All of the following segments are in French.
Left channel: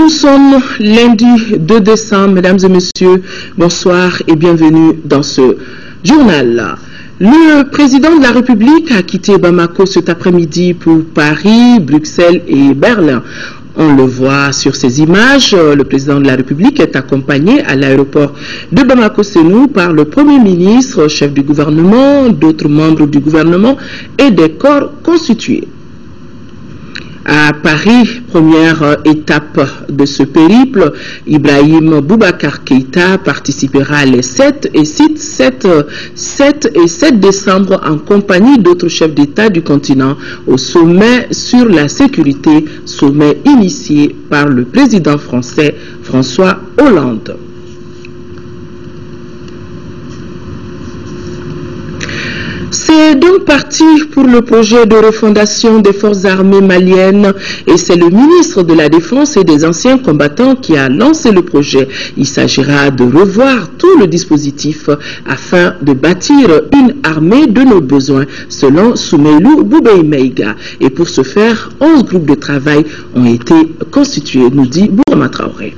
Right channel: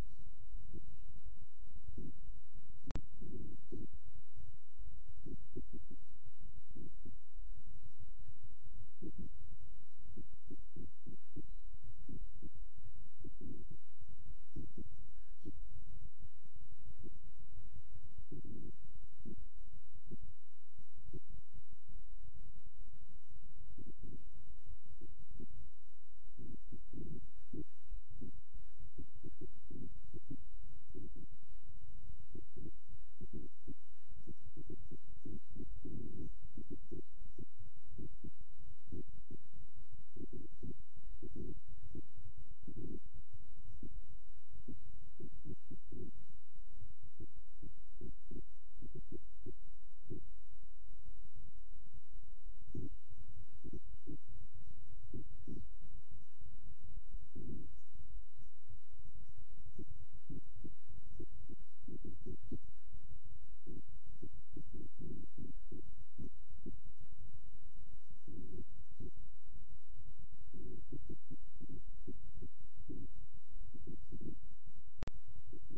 Nous sommes lundi 2 décembre, mesdames et messieurs, bonsoir et bienvenue dans ce journal. Le président de la République a quitté Bamako cet après-midi pour Paris, Bruxelles et Berlin. On le voit sur ces images, le président de la République est accompagné à l'aéroport de Bamako-Sénou par le Premier ministre, chef du gouvernement, d'autres membres du gouvernement et des corps constitués. À Paris, première étape de ce périple, Ibrahim Boubacar Keïta participera les 7 et 7 décembre en compagnie d'autres chefs d'État du continent au sommet sur la sécurité, sommet initié par le président français François Hollande. C'est donc parti pour le projet de refondation des forces armées maliennes et c'est le ministre de la Défense et des anciens combattants qui a lancé le projet. Il s'agira de revoir tout le dispositif afin de bâtir une armée de nos besoins, selon Soumeylou Boubei-Meiga. Et pour ce faire, 11 groupes de travail ont été constitués, nous dit Bourama Traoré.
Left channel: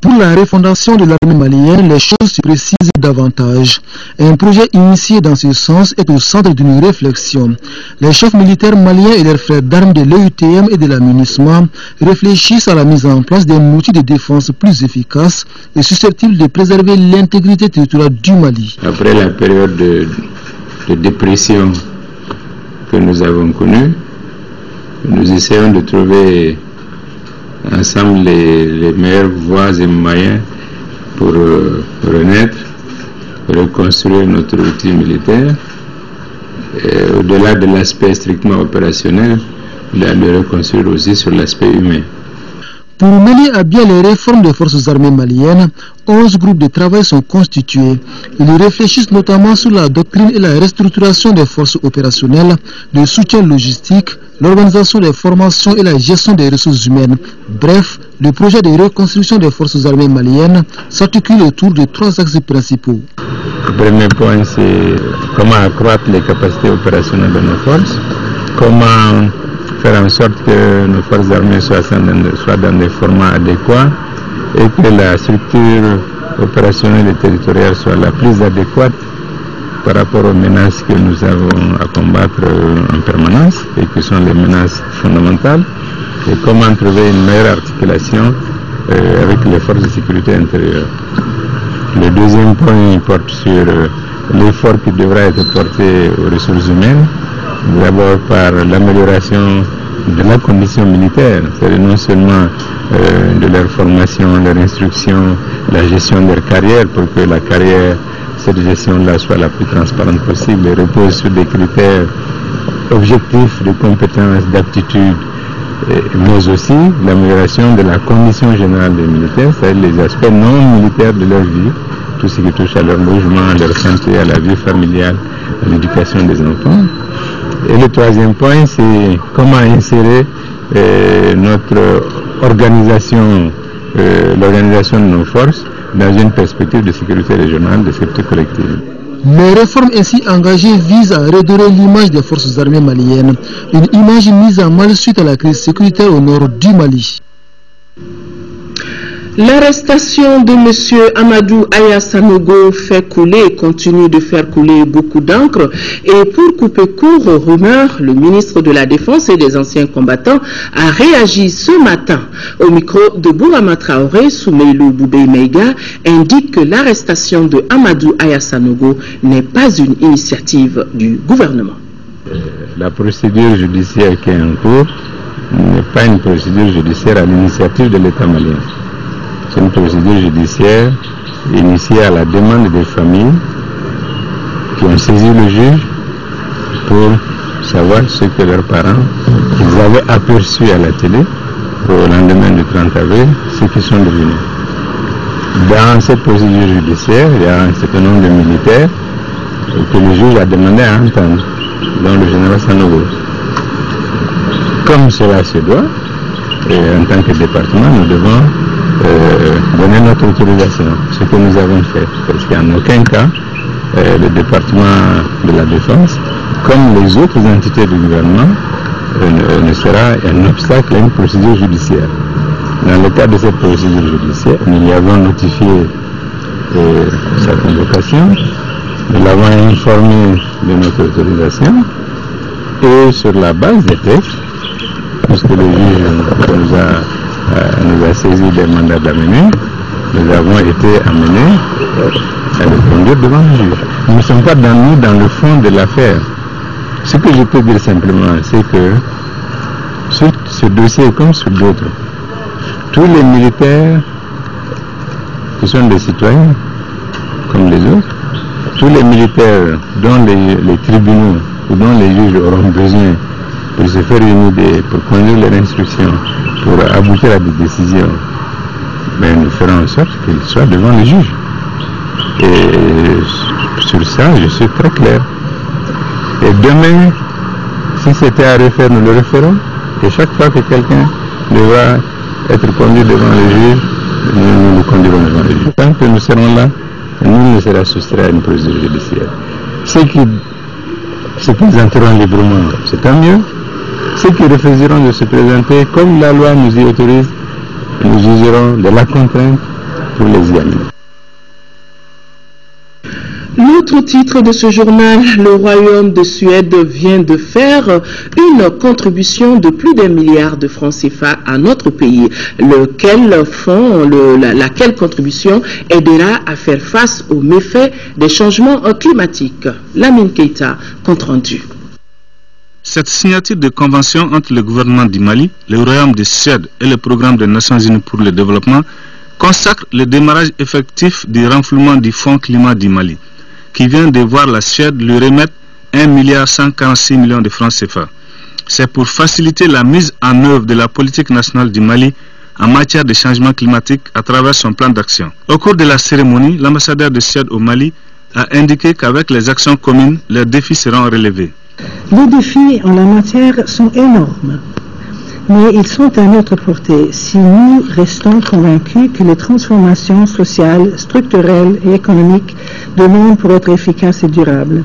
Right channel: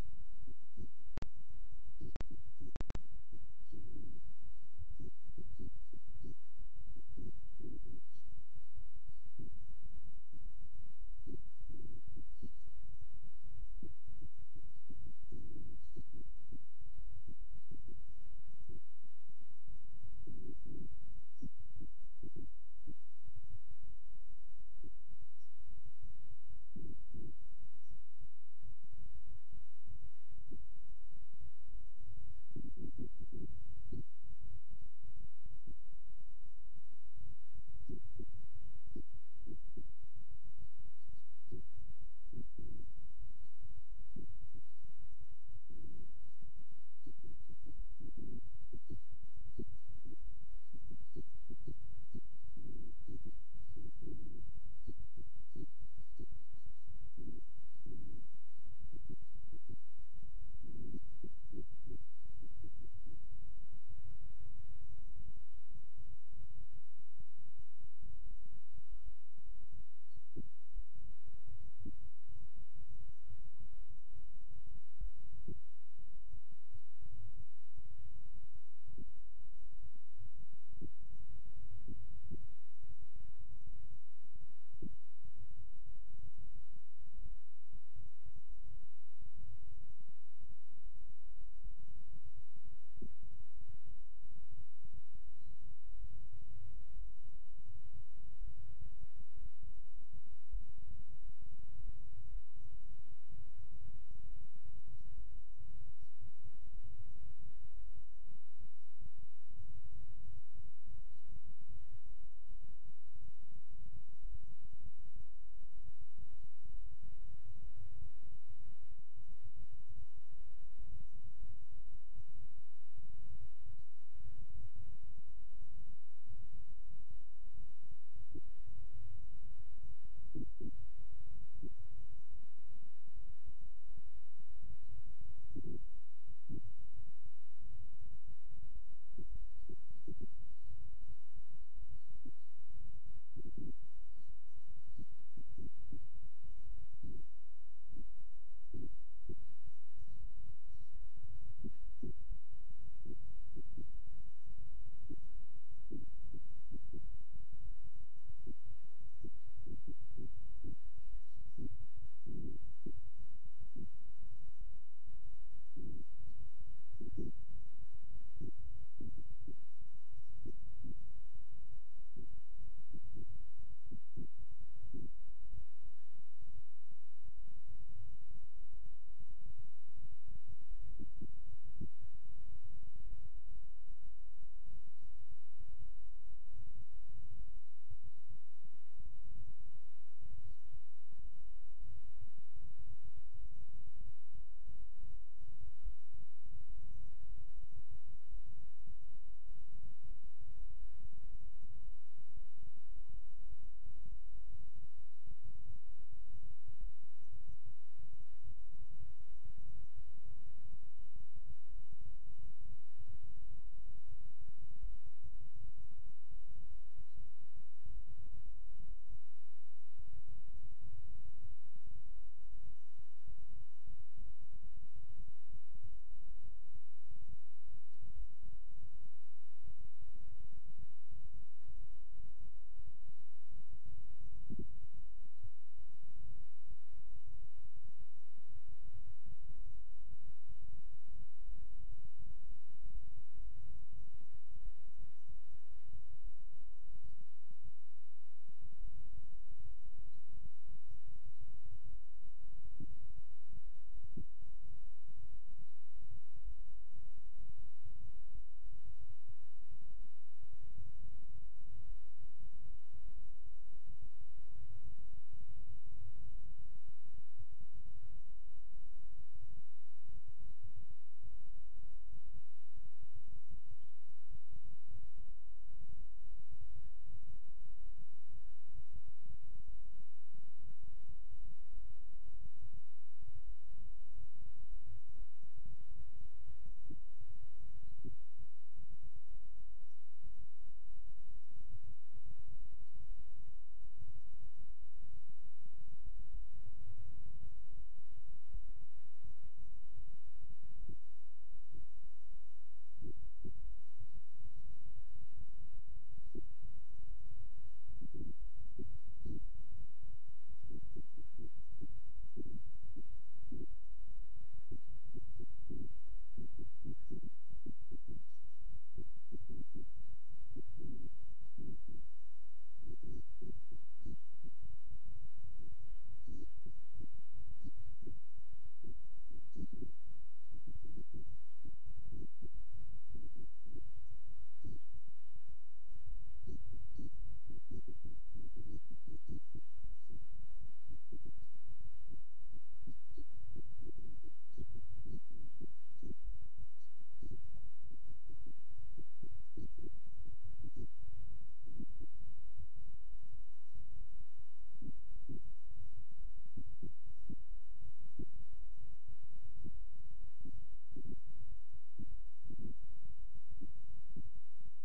Pour la refondation de l'armée malienne, les choses se précisent davantage. Un projet initié dans ce sens est au centre d'une réflexion. Les chefs militaires maliens et leurs frères d'armes de l'EUTM et de la MINUSMA réfléchissent à la mise en place d'un outil de défense plus efficace et susceptible de préserver l'intégrité territoriale du Mali. Après la période de dépression que nous avons connue, nous essayons de trouver ensemble les meilleures voies et moyens pour renaître, reconstruire notre outil militaire. Au-delà de l'aspect strictement opérationnel, de le reconstruire aussi sur l'aspect humain. Pour mener à bien les réformes des forces armées maliennes, 11 groupes de travail sont constitués. Ils réfléchissent notamment sur la doctrine et la restructuration des forces opérationnelles, le soutien logistique, l'organisation des formations et la gestion des ressources humaines. Bref, le projet de reconstruction des forces armées maliennes s'articule autour de 3 axes principaux. Le premier point, c'est comment accroître les capacités opérationnelles de nos forces, comment faire en sorte que nos forces armées soient dans des formats adéquats et que la structure opérationnelle et territoriale soit la plus adéquate par rapport aux menaces que nous avons à combattre en permanence et qui sont les menaces fondamentales, et comment trouver une meilleure articulation avec les forces de sécurité intérieure. Le deuxième point porte sur l'effort qui devra être porté aux ressources humaines, d'abord par l'amélioration de la condition militaire, c'est-à-dire non seulement de leur formation, leur instruction, la gestion de leur carrière, pour que la carrière, cette gestion-là soit la plus transparente possible et repose sur des critères objectifs de compétences, d'aptitude, mais aussi l'amélioration de la condition générale des militaires, c'est-à-dire les aspects non militaires de leur vie, tout ce qui touche à leur logement, à leur santé, à la vie familiale, à l'éducation des enfants. Et le troisième point, c'est comment insérer notre organisation, l'organisation de nos forces dans une perspective de sécurité régionale, de sécurité collective. Les réformes ainsi engagées visent à redorer l'image des forces armées maliennes, une image mise à mal suite à la crise sécuritaire au nord du Mali. L'arrestation de M. Amadou Aya Sanogo fait couler et continue de faire couler beaucoup d'encre. Et pour couper court aux rumeurs, le ministre de la Défense et des anciens combattants a réagi ce matin. Au micro de Bourama Traoré, Soumeylou Boubei-Meiga indique que l'arrestation de Amadou Aya Sanogo n'est pas une initiative du gouvernement. La procédure judiciaire qui est en cours n'est pas une procédure judiciaire à l'initiative de l'État malien. C'est une procédure judiciaire initiée à la demande des familles qui ont saisi le juge pour savoir ce que leurs parents ils avaient aperçu à la télé au lendemain du 30 avril, ce qu'ils sont devenus. Dans cette procédure judiciaire, il y a un certain nombre de militaires que le juge a demandé à entendre, dont le général Sanogo. Comme cela se doit, et en tant que département, nous devons donner notre autorisation, ce que nous avons fait, parce qu'en aucun cas le département de la Défense, comme les autres entités du gouvernement, ne sera un obstacle à une procédure judiciaire. Dans le cadre de cette procédure judiciaire, nous lui avons notifié sa convocation, nous l'avons informé de notre autorisation et sur la base des textes, puisque le juge nous a saisi des mandats d'amener, nous avons été amenés à le conduire devant le juge. Nous ne sommes pas dans le fond de l'affaire. Ce que je peux dire simplement, c'est que sur ce dossier comme sur d'autres, tous les militaires qui sont des citoyens comme les autres, tous les militaires dont les tribunaux ou dont les juges auront besoin pour se faire une idée, pour conduire leur instruction, pour aboutir à des décisions, mais nous ferons en sorte qu'ils soient devant les juges. Et sur ça, je suis très clair. Et demain, si c'était à refaire, nous le referons. Et chaque fois que quelqu'un devra être conduit devant le juge, nous le conduirons devant le juge. Tant que nous serons là, nul ne sera soustrait à une procédure judiciaire. Ceux qui se présenteront librement, c'est tant mieux. Ceux qui refuseront de se présenter, comme la loi nous y autorise, nous jugerons de la contrainte pour les y amener. L'autre titre de ce journal, le Royaume de Suède vient de faire une contribution de plus d'1 milliard de francs CFA à notre pays, laquelle contribution aidera à faire face aux méfaits des changements climatiques. Lamine Keita, compte rendu. Cette signature de convention entre le gouvernement du Mali, le Royaume de Suède et le Programme des Nations Unies pour le développement consacre le démarrage effectif du renflouement du Fonds climat du Mali, qui vient de voir la Suède lui remettre 1,146 milliard de francs CFA. C'est pour faciliter la mise en œuvre de la politique nationale du Mali en matière de changement climatique à travers son plan d'action. Au cours de la cérémonie, l'ambassadeur de Suède au Mali a indiqué qu'avec les actions communes, les défis seront relevés. Les défis en la matière sont énormes, mais ils sont à notre portée si nous restons convaincus que les transformations sociales, structurelles et économiques demandent pour être efficaces et durables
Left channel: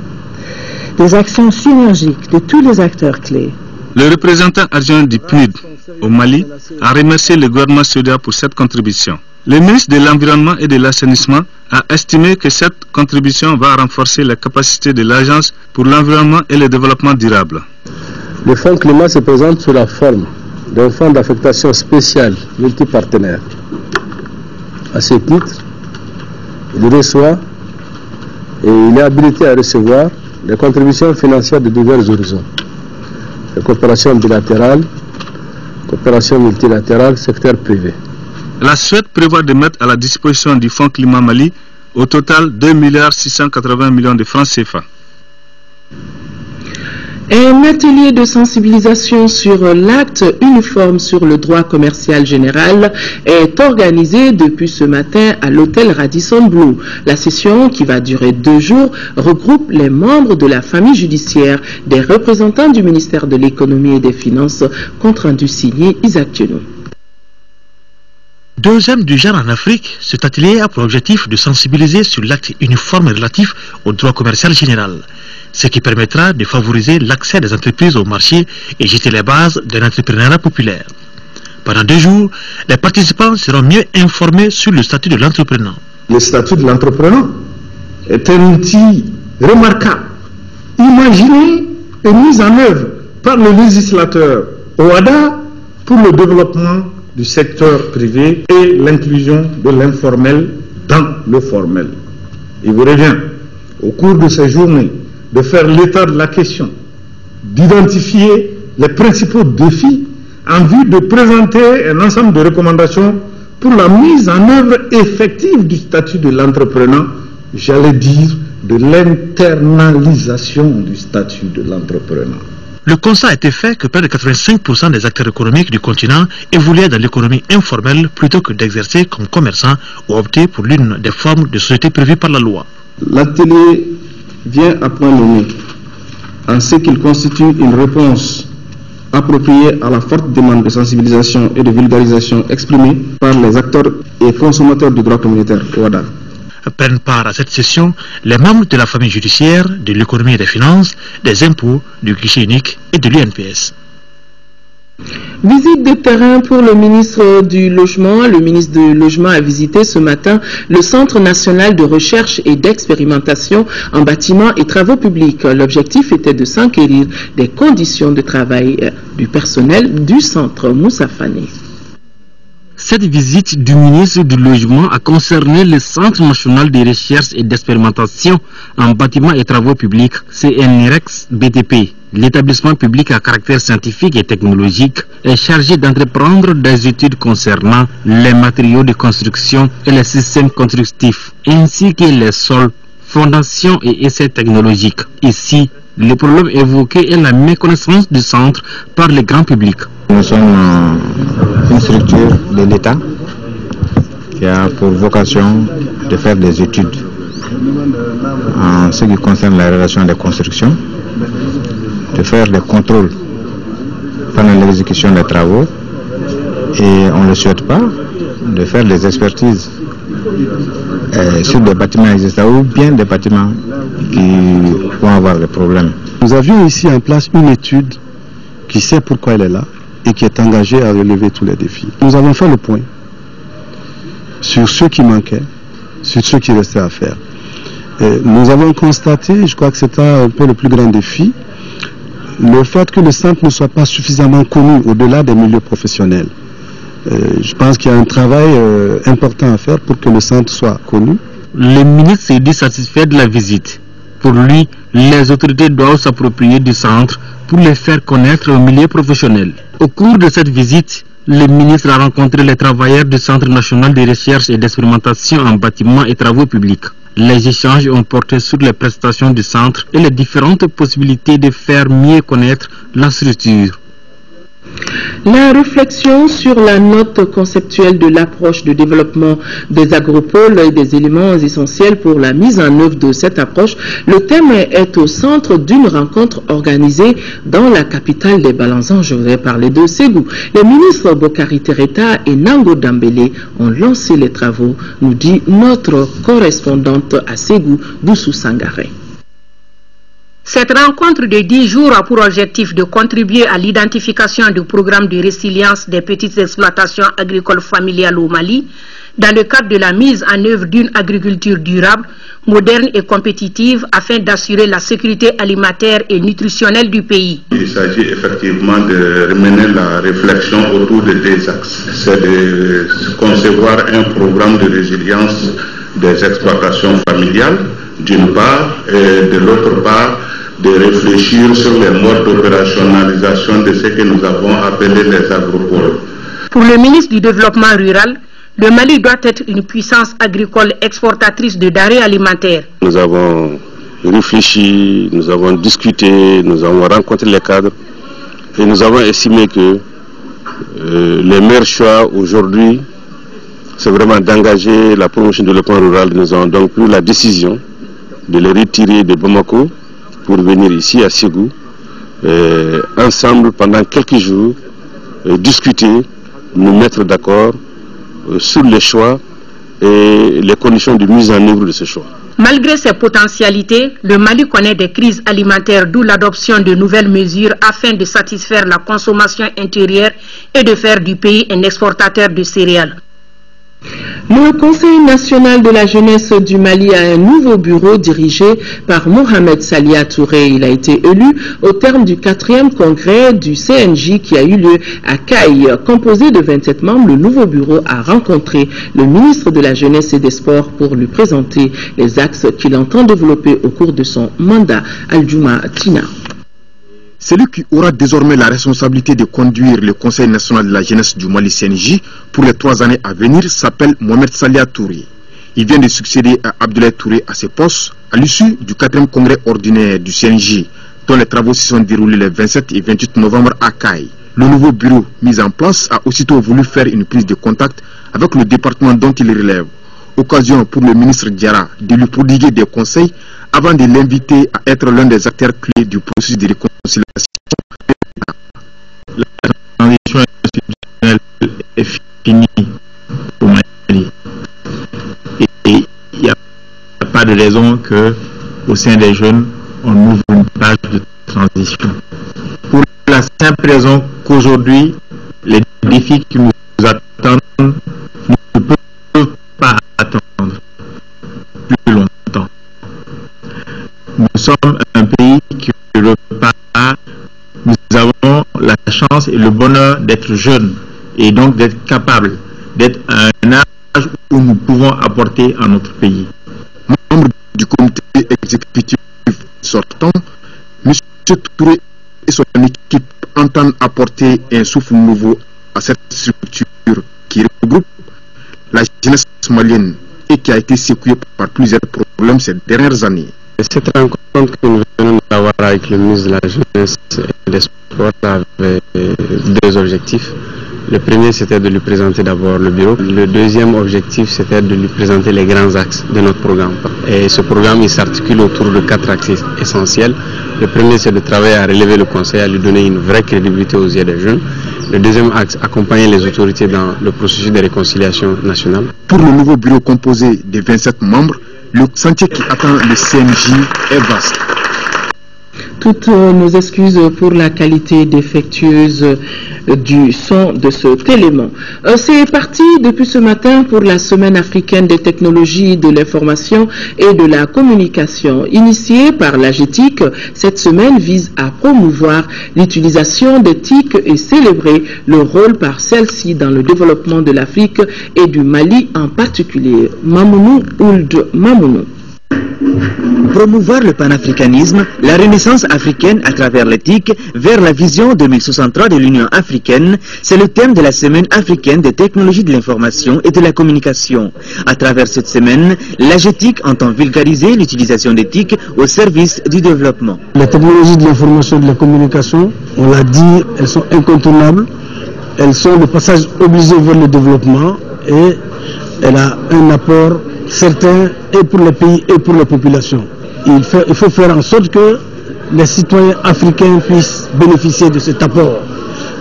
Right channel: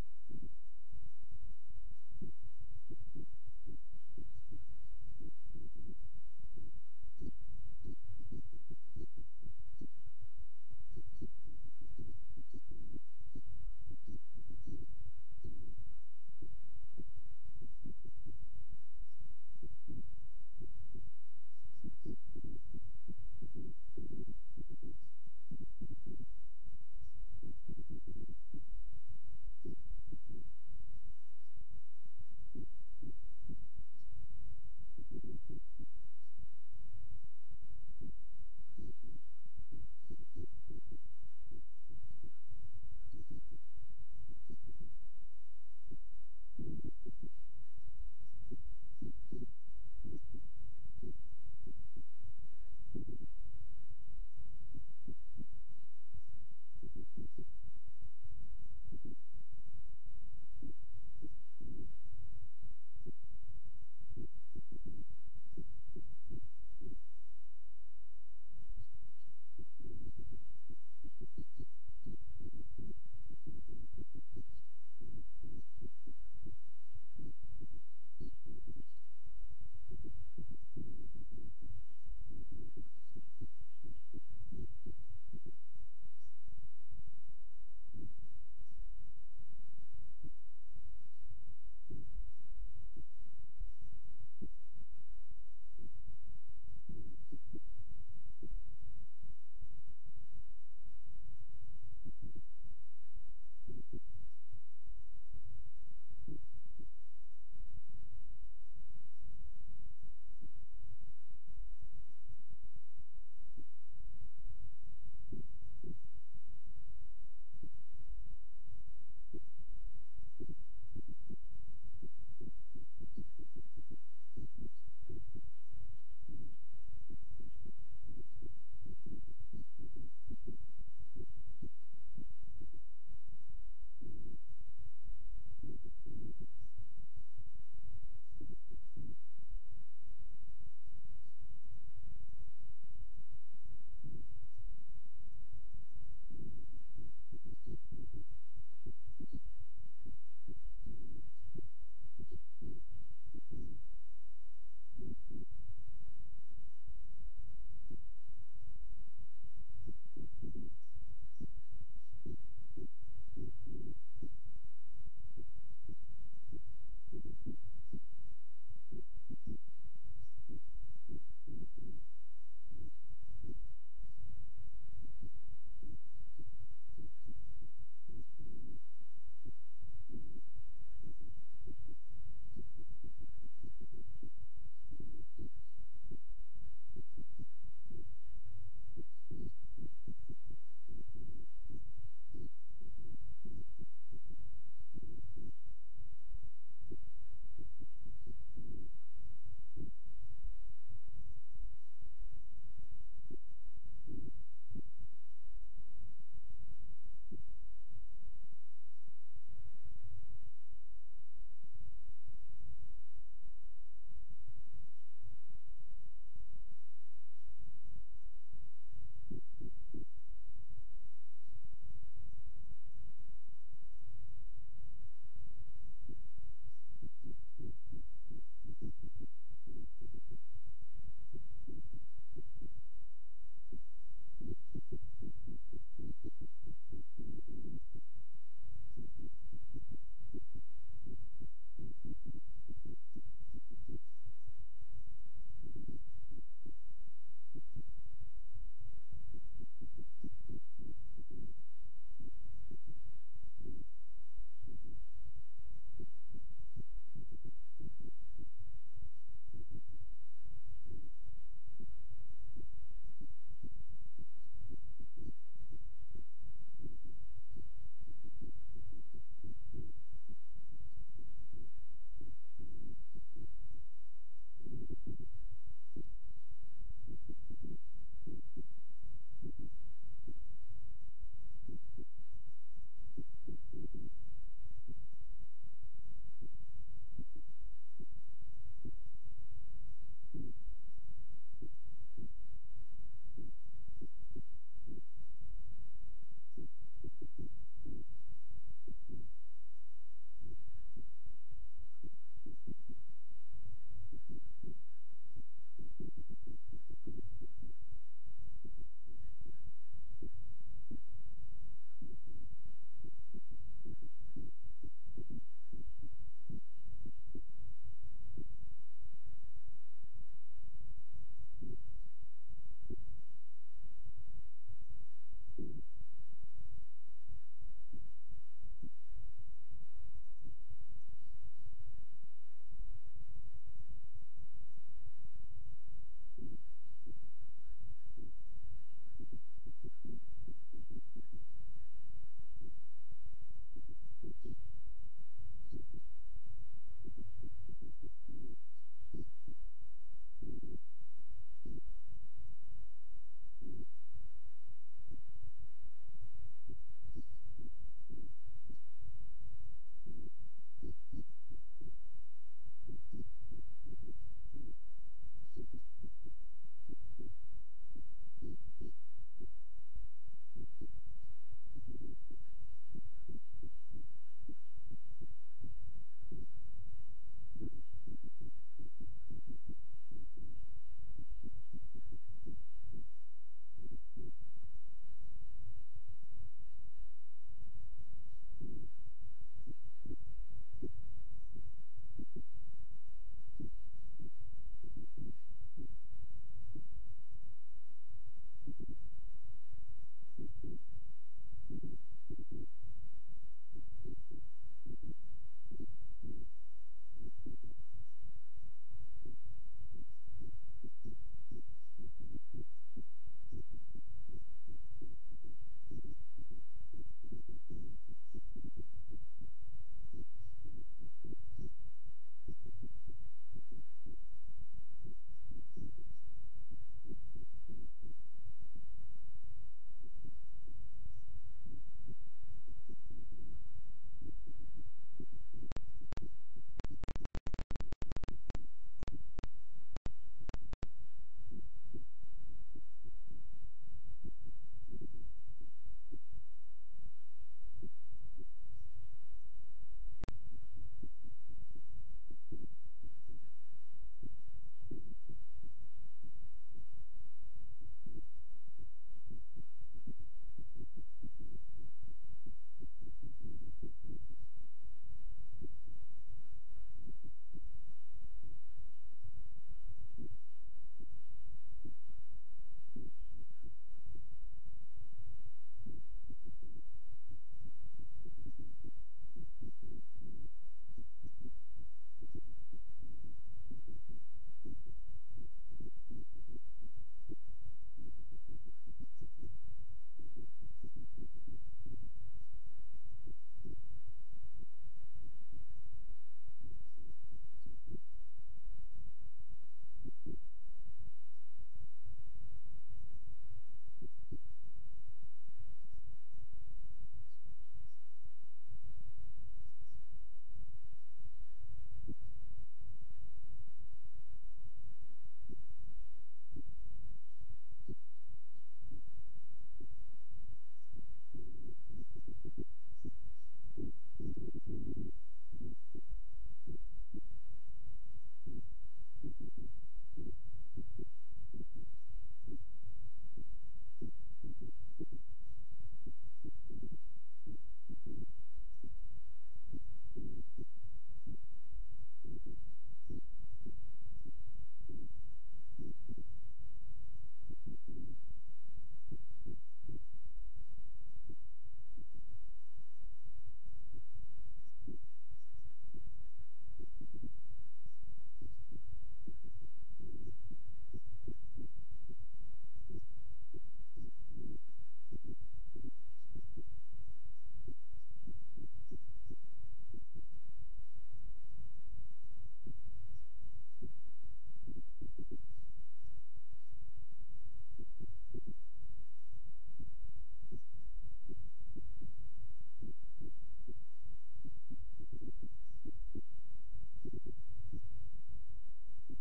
des actions synergiques de tous les acteurs clés. Le représentant adjoint du PNUD au Mali a remercié le gouvernement suédois pour cette contribution. Le ministre de l'Environnement et de l'Assainissement a estimé que cette contribution va renforcer les capacités de l'Agence pour l'environnement et le développement durable. Le Fonds climat se présente sous la forme d'un fonds d'affectation spéciale multipartenaire. À ce titre, il reçoit et il est habilité à recevoir des contributions financières de divers horizons. Les coopérations bilatérales, coopération multilatérale, secteur privé. La Suède prévoit de mettre à la disposition du Fonds climat Mali au total 2,680 milliards de francs CFA. Un atelier de sensibilisation sur l'acte uniforme sur le droit commercial général est organisé depuis ce matin à l'hôtel Radisson Blu. La session, qui va durer 2 jours, regroupe les membres de la famille judiciaire, des représentants du ministère de l'économie et des finances, compte rendu signé Isaac Thionou. Deuxième du genre en Afrique, cet atelier a pour objectif de sensibiliser sur l'acte uniforme relatif au droit commercial général, ce qui permettra de favoriser l'accès des entreprises au marché et jeter les bases d'un entrepreneuriat populaire. Pendant 2 jours, les participants seront mieux informés sur le statut de l'entrepreneur. Le statut de l'entrepreneur est un outil remarquable, imaginé et mis en œuvre par le législateur OHADA pour le développement du secteur privé et l'inclusion de l'informel dans le formel. Il vous revient, au cours de ces journées, de faire l'état de la question, d'identifier les principaux défis en vue de présenter un ensemble de recommandations pour la mise en œuvre effective du statut de l'entrepreneur, j'allais dire de l'internalisation du statut de l'entrepreneur. Le constat a été fait que près de 85% des acteurs économiques du continent évoluaient dans l'économie informelle plutôt que d'exercer comme commerçants ou opter pour l'une des formes de société prévues par la loi. L'atelier vient à point nommé en ce qu'il constitue une réponse appropriée à la forte demande de sensibilisation et de vulgarisation exprimée par les acteurs et consommateurs du droit communautaire OHADA. Prennent part à cette session les membres de la famille judiciaire, de l'économie et des finances, des impôts, du guichet unique et de l'UNPS. Visite de terrain pour le ministre du Logement. Le ministre du Logement a visité ce matin le Centre national de recherche et d'expérimentation en bâtiments et travaux publics. L'objectif était de s'enquérir des conditions de travail du personnel du centre. Moussa Fani. Cette visite du ministre du Logement a concerné le Centre national de recherche et d'expérimentation en bâtiments et travaux publics, CNREX BTP. L'établissement public à caractère scientifique et technologique est chargé d'entreprendre des études concernant les matériaux de construction et les systèmes constructifs, ainsi que les sols, fondations et essais technologiques. Ici, le problème évoqué est la méconnaissance du centre par le grand public. Nous sommes une structure de l'État qui a pour vocation de faire des études en ce qui concerne la relation des constructions, de faire des contrôles pendant l'exécution des travaux et on ne le souhaite pas, de faire des expertises sur des bâtiments existants ou bien des bâtiments qui vont avoir des problèmes. Nous avions ici en place une étude qui sait pourquoi elle est là et qui est engagée à relever tous les défis. Nous avons fait le point sur ce qui manquait, sur ce qui restait à faire. Et nous avons constaté, je crois que c'était un peu le plus grand défi, le fait que le centre ne soit pas suffisamment connu au-delà des milieux professionnels. Je pense qu'il y a un travail important à faire pour que le centre soit connu. Le ministre s'est dit satisfait de la visite. Pour lui, les autorités doivent s'approprier du centre pour les faire connaître au milieu professionnel. Au cours de cette visite, le ministre a rencontré les travailleurs du Centre national de recherche et d'expérimentation en bâtiments et travaux publics. Les échanges ont porté sur les prestations du centre et les différentes possibilités de faire mieux connaître la structure. La réflexion sur la note conceptuelle de l'approche de développement des agropoles et des éléments essentiels pour la mise en œuvre de cette approche, le thème est au centre d'une rencontre organisée dans la capitale des Balanzans. Je voudrais parler de Ségou. Les ministres Bokari Tereta et Nango Dambélé ont lancé les travaux, nous dit notre correspondante à Ségou, Boussou Sangaré. Cette rencontre de 10 jours a pour objectif de contribuer à l'identification du programme de résilience des petites exploitations agricoles familiales au Mali dans le cadre de la mise en œuvre d'une agriculture durable, moderne et compétitive afin d'assurer la sécurité alimentaire et nutritionnelle du pays. Il s'agit effectivement de mener la réflexion autour de deux axes. C'est de concevoir un programme de résilience des exploitations familiales, d'une part, et de l'autre part, de réfléchir sur les modes d'opérationnalisation de ce que nous avons appelé les agropoles. Pour le ministre du Développement rural, le Mali doit être une puissance agricole exportatrice de denrées alimentaires. Nous avons réfléchi, nous avons discuté, nous avons rencontré les cadres et nous avons estimé que les meilleurs choix aujourd'hui, c'est vraiment d'engager la promotion du développement rural. Nous avons donc pris la décision de les retirer de Bamako pour venir ici à Ségou, ensemble pendant quelques jours, discuter, nous mettre d'accord sur les choix et les conditions de mise en œuvre de ce choix. Malgré ses potentialités, le Mali connaît des crises alimentaires, d'où l'adoption de nouvelles mesures afin de satisfaire la consommation intérieure et de faire du pays un exportateur de céréales. Le Conseil national de la jeunesse du Mali a un nouveau bureau dirigé par Mohamed Salia Touré. Il a été élu au terme du 4e congrès du CNJ qui a eu lieu à Caille. Composé de 27 membres, le nouveau bureau a rencontré le ministre de la Jeunesse et des Sports pour lui présenter les axes qu'il entend développer au cours de son mandat. Aldjouma Tina. Celui qui aura désormais la responsabilité de conduire le Conseil national de la jeunesse du Mali CNJ pour les 3 années à venir s'appelle Mohamed Salia Touré. Il vient de succéder à Abdoulaye Touré à ses postes à l'issue du 4e congrès ordinaire du CNJ, dont les travaux se sont déroulés les 27 et 28 novembre à Caille. Le nouveau bureau mis en place a aussitôt voulu faire une prise de contact avec le département dont il relève. Occasion pour le ministre Diarra de lui prodiguer des conseils avant de l'inviter à être l'un des acteurs clés du processus de réconciliation. La transition institutionnelle est finie au Mali. Et il n'y a pas de raison qu'au sein des jeunes, on ouvre une page de transition. Pour la simple raison qu'aujourd'hui, les défis qui nous attendent ne peuvent pas attendre plus longtemps. Nous sommes un pays qui repart. Nous avons la chance et le bonheur d'être jeunes et donc d'être capables, d'être à un âge où nous pouvons apporter à notre pays. Membre du comité exécutif sortant, M. Touré et son équipe entendent apporter un souffle nouveau à cette structure qui regroupe la jeunesse malienne et qui a été secouée par plusieurs problèmes ces dernières années. Cette rencontre que nous venons d'avoir avec le ministre de la Jeunesse et des Sports avait deux objectifs. Le premier, c'était de lui présenter d'abord le bureau. Le deuxième objectif, c'était de lui présenter les grands axes de notre programme. Et ce programme, il s'articule autour de 4 axes essentiels. Le premier, c'est de travailler à relever le conseil, à lui donner une vraie crédibilité aux yeux des jeunes. Le deuxième axe, accompagner les autorités dans le processus de réconciliation nationale. Pour le nouveau bureau composé de 27 membres, le chantier qui attend le CNJ est vaste. Toutes nos excuses pour la qualité défectueuse du son de cet élément. C'est parti depuis ce matin pour la Semaine africaine des technologies de l'information et de la communication. Initiée par l'AGETIC, cette semaine vise à promouvoir l'utilisation des TIC et célébrer le rôle par celle-ci dans le développement de l'Afrique et du Mali en particulier. Mamounou Ould Mamounou. Promouvoir le panafricanisme, la renaissance africaine à travers l'éthique vers la vision 2063 de l'Union africaine, c'est le thème de la Semaine africaine des technologies de l'information et de la communication. À travers cette semaine, l'AGETIC entend vulgariser l'utilisation d'éthique au service du développement. Les technologies de l'information et de la communication, on l'a dit, elles sont incontournables, elles sont le passage obligé vers le développement et elle a un apport certain et pour les pays et pour les populations. Il faut faire en sorte que les citoyens africains puissent bénéficier de cet apport.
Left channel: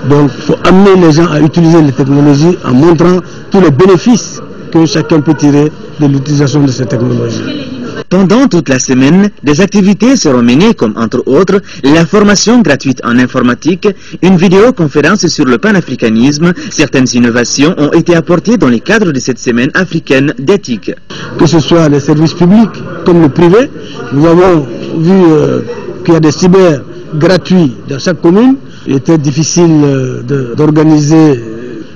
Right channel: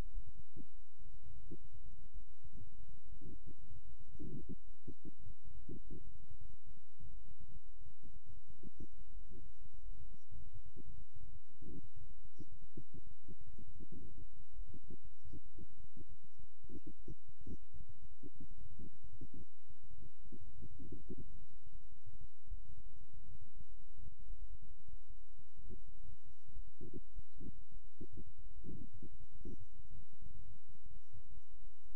Donc il faut amener les gens à utiliser les technologies en montrant tous les bénéfices que chacun peut tirer de l'utilisation de ces technologies. Pendant toute la semaine, des activités seront menées comme entre autres la formation gratuite en informatique, une vidéoconférence sur le panafricanisme. Certaines innovations ont été apportées dans le cadre de cette semaine africaine d'éthique. Que ce soit les services publics comme le privé, nous avons vu qu'il y a des cyber gratuits dans chaque commune. Il était difficile d'organiser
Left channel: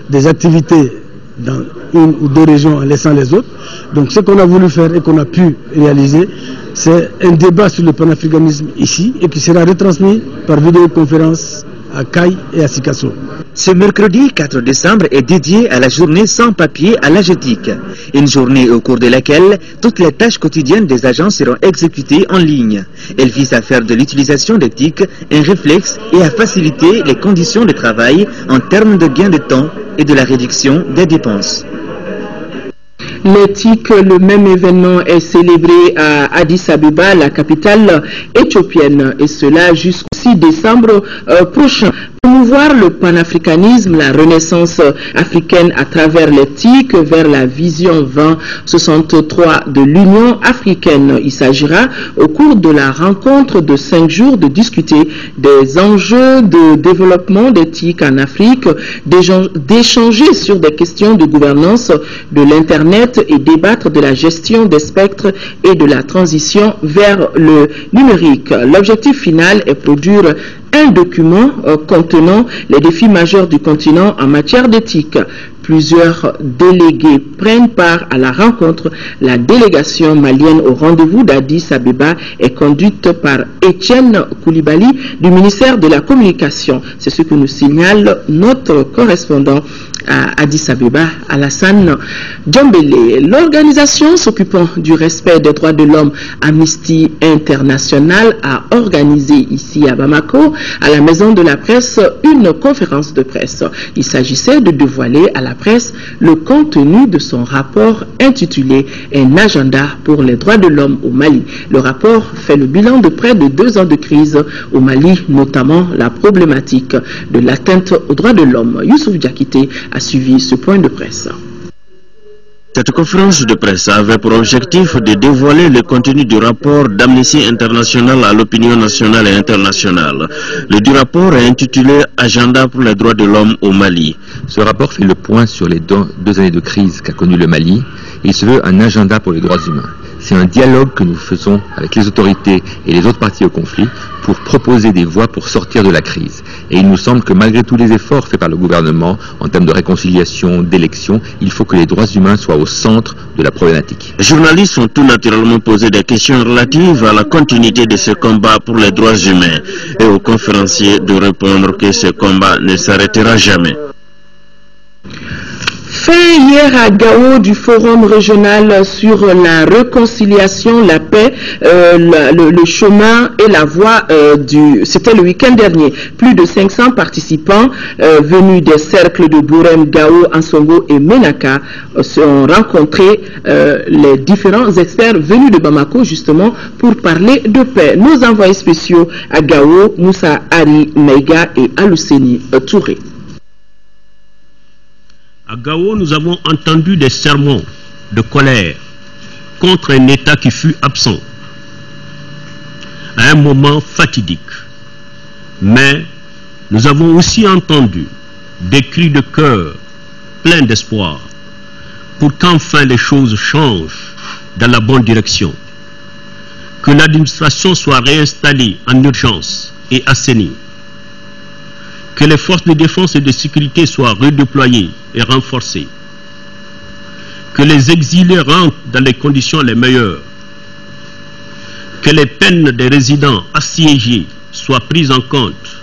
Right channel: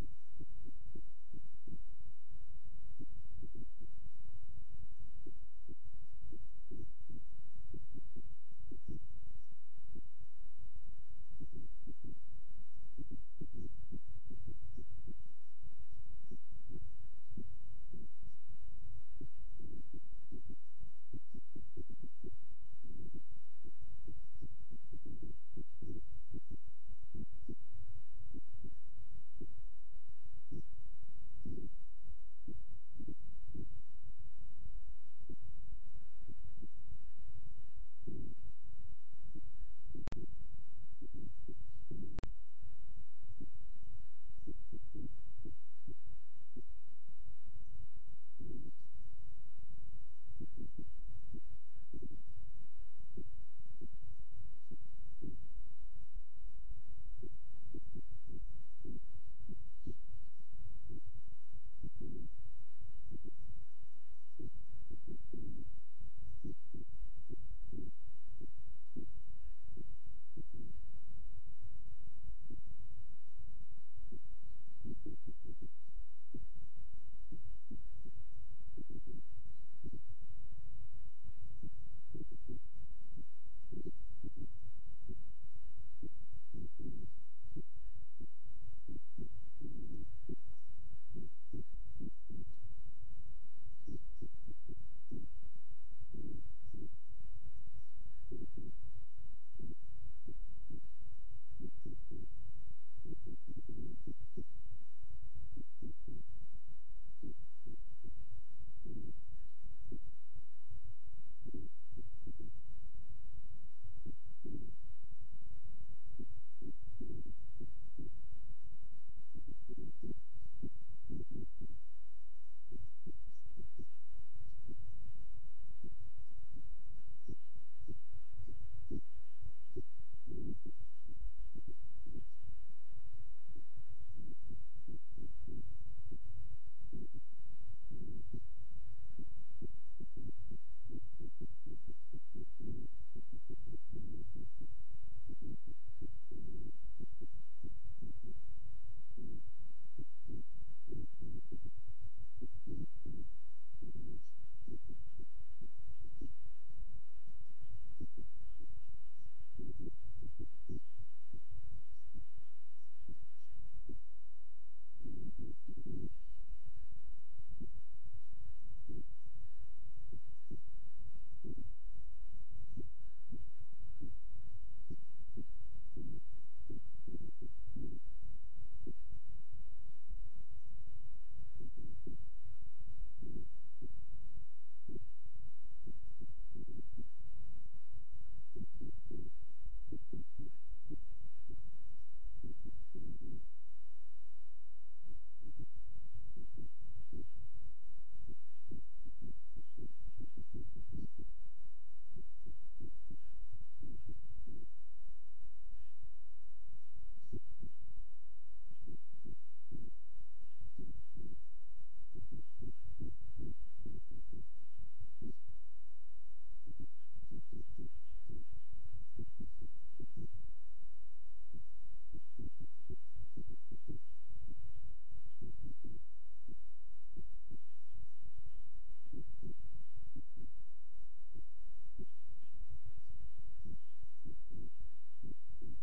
des activités dans une ou deux régions en laissant les autres. Donc ce qu'on a voulu faire et qu'on a pu réaliser, c'est un débat sur le panafricanisme ici et qui sera retransmis par vidéoconférence à Caille et à Sikasso. Ce mercredi 4 décembre est dédié à la journée sans papier à l'AGETIC. Une journée au cours de laquelle toutes les tâches quotidiennes des agents seront exécutées en ligne. Elle vise à faire de l'utilisation d'éthique un réflexe et à faciliter les conditions de travail en termes de gain de temps et de la réduction des dépenses. L'éthique, le même événement est célébré à Addis Abeba, la capitale éthiopienne, et cela jusqu'au 6 décembre prochain. Promouvoir le panafricanisme, la renaissance africaine à travers l'éthique vers la vision 2063 de l'Union africaine. Il s'agira au cours de la rencontre de 5 jours de discuter des enjeux de développement d'éthique en Afrique, d'échanger sur des questions de gouvernance de l'Internet et débattre de la gestion des spectres et de la transition vers le numérique. L'objectif final est produire un document contenant les défis majeurs du continent en matière d'éthique. Plusieurs délégués prennent part à la rencontre. La délégation malienne au rendez-vous d'Addis Abeba est conduite par Étienne Koulibaly du ministère de la Communication. C'est ce que nous signale notre correspondant à Addis Abeba, Alassane Djambélé. L'organisation s'occupant du respect des droits de l'homme, Amnesty International, a organisé ici à Bamako, à la Maison de la Presse, une conférence de presse. Il s'agissait de dévoiler à la presse le contenu de son rapport intitulé « Un agenda pour les droits de l'homme au Mali ». Le rapport fait le bilan de près de 2 ans de crise au Mali, notamment la problématique de l'atteinte aux droits de l'homme. Youssouf Diakité a suivi ce point de presse. Cette conférence de presse avait pour objectif de dévoiler le contenu du rapport d'Amnesty International à l'opinion nationale et internationale. Le dit rapport est intitulé « Agenda pour les droits de l'homme au Mali ». Ce rapport fait le point sur les 2 années de crise qu'a connu le Mali et il se veut un agenda pour les droits humains. C'est un dialogue que nous faisons avec les autorités et les autres parties au conflit pour proposer des voies pour sortir de la crise. Et il nous semble que malgré tous les efforts faits par le gouvernement en termes de réconciliation, d'élection, il faut que les droits humains soient au centre de la problématique. Les journalistes ont tout naturellement posé des questions relatives à la continuité de ce combat pour les droits humains et aux conférenciers de répondre que ce combat ne s'arrêtera jamais. Fait hier à Gao du forum régional sur la réconciliation, la paix, le chemin et la voie c'était le week-end dernier. Plus de 500 participants venus des cercles de Bourem, Gao, Ansongo et Menaka ont rencontré les différents experts venus de Bamako justement pour parler de paix. Nos envoyés spéciaux à Gao, Moussa Ari Meiga et Aluseni Touré. À Gao, nous avons entendu des sermons de colère contre un État qui fut absent à un moment fatidique. Mais nous avons aussi entendu des cris de cœur pleins d'espoir pour qu'enfin les choses changent dans la bonne direction, que l'administration soit réinstallée en urgence et assainie, que les forces de défense et de sécurité soient redéployées et renforcées, que les exilés rentrent dans les conditions les meilleures, que les peines des résidents assiégés soient prises en compte,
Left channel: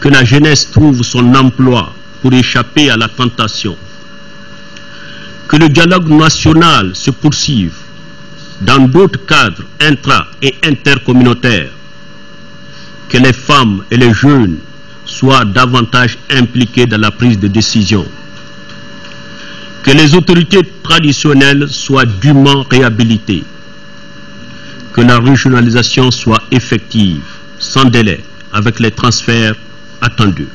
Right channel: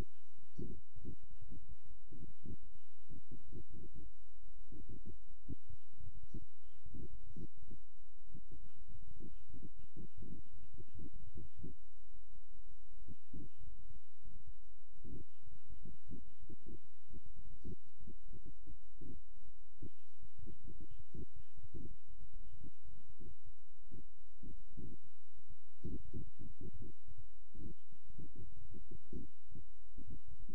que la jeunesse trouve son emploi pour échapper à la tentation, que le dialogue national se poursuive dans d'autres cadres intra- et intercommunautaires, que les femmes et les jeunes soient davantage impliqués dans la prise de décision, que les autorités traditionnelles soient dûment réhabilitées, que la régionalisation soit effective, sans délai, avec les transferts attendus.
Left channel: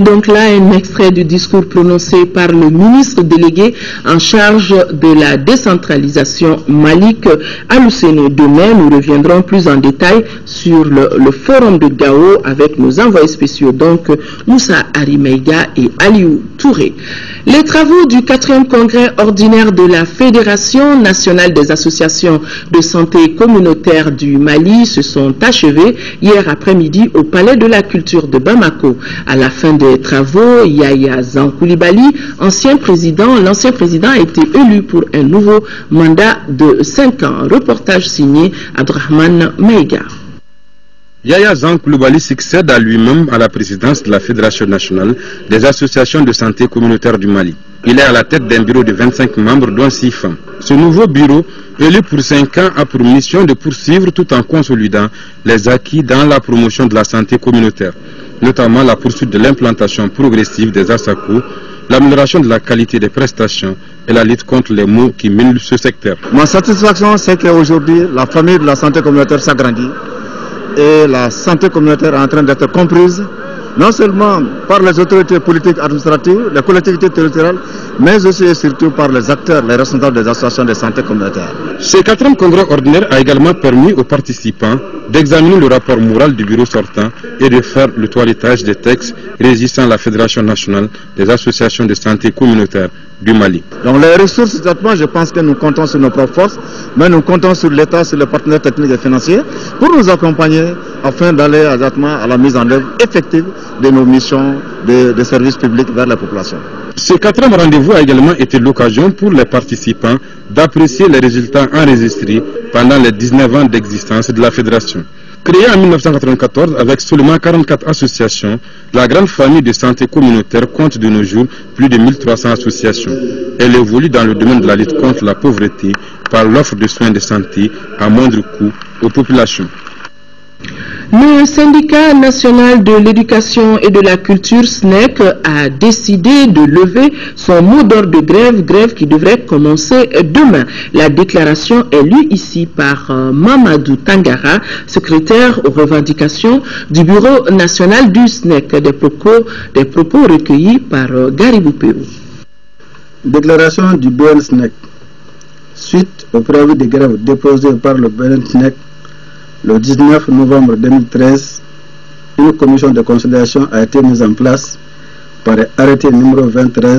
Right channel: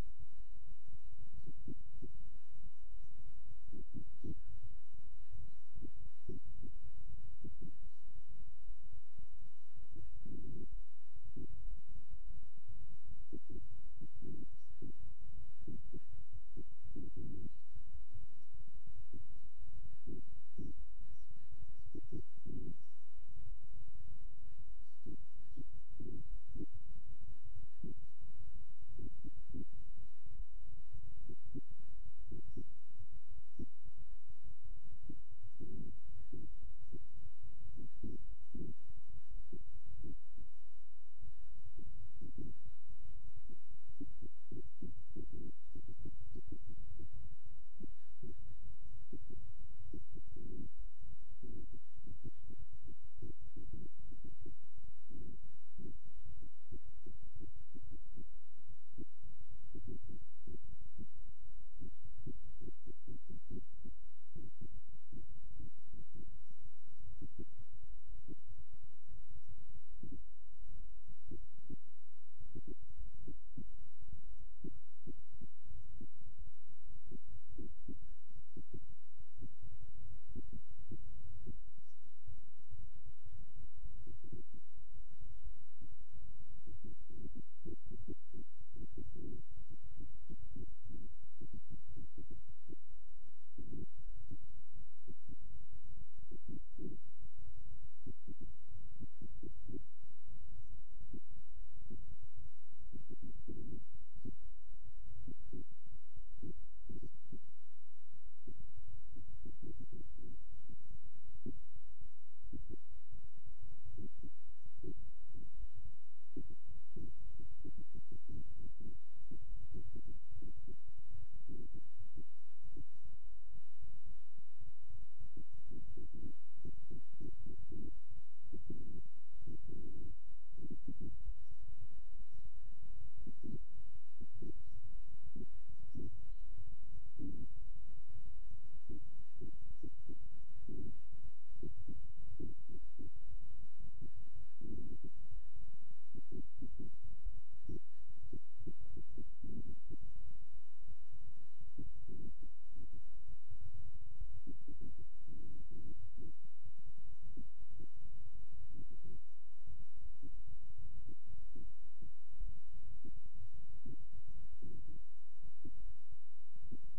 Donc là, un extrait du discours prononcé par le ministre délégué en charge de la décentralisation, Malik Aluseni. Demain, nous reviendrons plus en détail sur le forum de Gao avec nos envoyés spéciaux, donc Moussa Arimeiga et Aliou Touré. Les travaux du 4e congrès ordinaire de la Fédération nationale des associations de santé communautaire du Mali se sont achevés hier après-midi au Palais de la Culture de Bamako. À la fin des travaux, Yaya Zankoulibaly, l'ancien président a été élu pour un nouveau mandat de 5 ans. Reportage signé Abdrahman Meiga. Yaya Zankoulibaly succède à lui-même à la présidence de la Fédération nationale des associations de santé communautaire du Mali. Il est à la tête d'un bureau de 25 membres, dont 6 femmes. Ce nouveau bureau, élu pour 5 ans, a pour mission de poursuivre tout en consolidant les acquis dans la promotion de la santé communautaire, notamment la poursuite de l'implantation progressive des ASACO, l'amélioration de la qualité des prestations et la lutte contre les maux qui minent ce secteur. Ma satisfaction, c'est qu'aujourd'hui, la famille de la santé communautaire s'agrandit et la santé communautaire est en train d'être comprise, non seulement par les autorités politiques administratives, les collectivités territoriales, mais aussi et surtout par les acteurs, les responsables des associations de santé communautaire. Ce 4e congrès ordinaire a également permis aux participants d'examiner le rapport moral du bureau sortant et de faire le toilettage des textes régissant la Fédération nationale des associations de santé communautaire du Mali. Donc les ressources, exactement, je pense que nous comptons sur nos propres forces, mais nous comptons sur l'État, sur les partenaires techniques et financiers pour nous accompagner afin d'aller exactement à la mise en œuvre effective de nos missions de service public vers la population. Ce 4e rendez-vous a également été l'occasion pour les participants d'apprécier les résultats enregistrés pendant les 19 ans d'existence de la Fédération. Créée en 1994 avec seulement 44 associations, la grande famille de santé communautaire compte de nos jours plus de 1300 associations. Elle évolue dans le domaine de la lutte contre la pauvreté par l'offre de soins de santé à moindre coût aux populations. Le syndicat national de l'éducation et de la culture SNEC a décidé de lever son mot d'ordre de grève qui devrait commencer demain. La déclaration est lue ici par Mamadou Tangara, secrétaire aux revendications du bureau national du SNEC, des propos recueillis par Garibou Pérou. Déclaration du BN-SNEC. Suite au préavis de grève déposé par le BN-SNEC le 19 novembre 2013, une commission de conciliation a été mise en place par arrêté numéro 23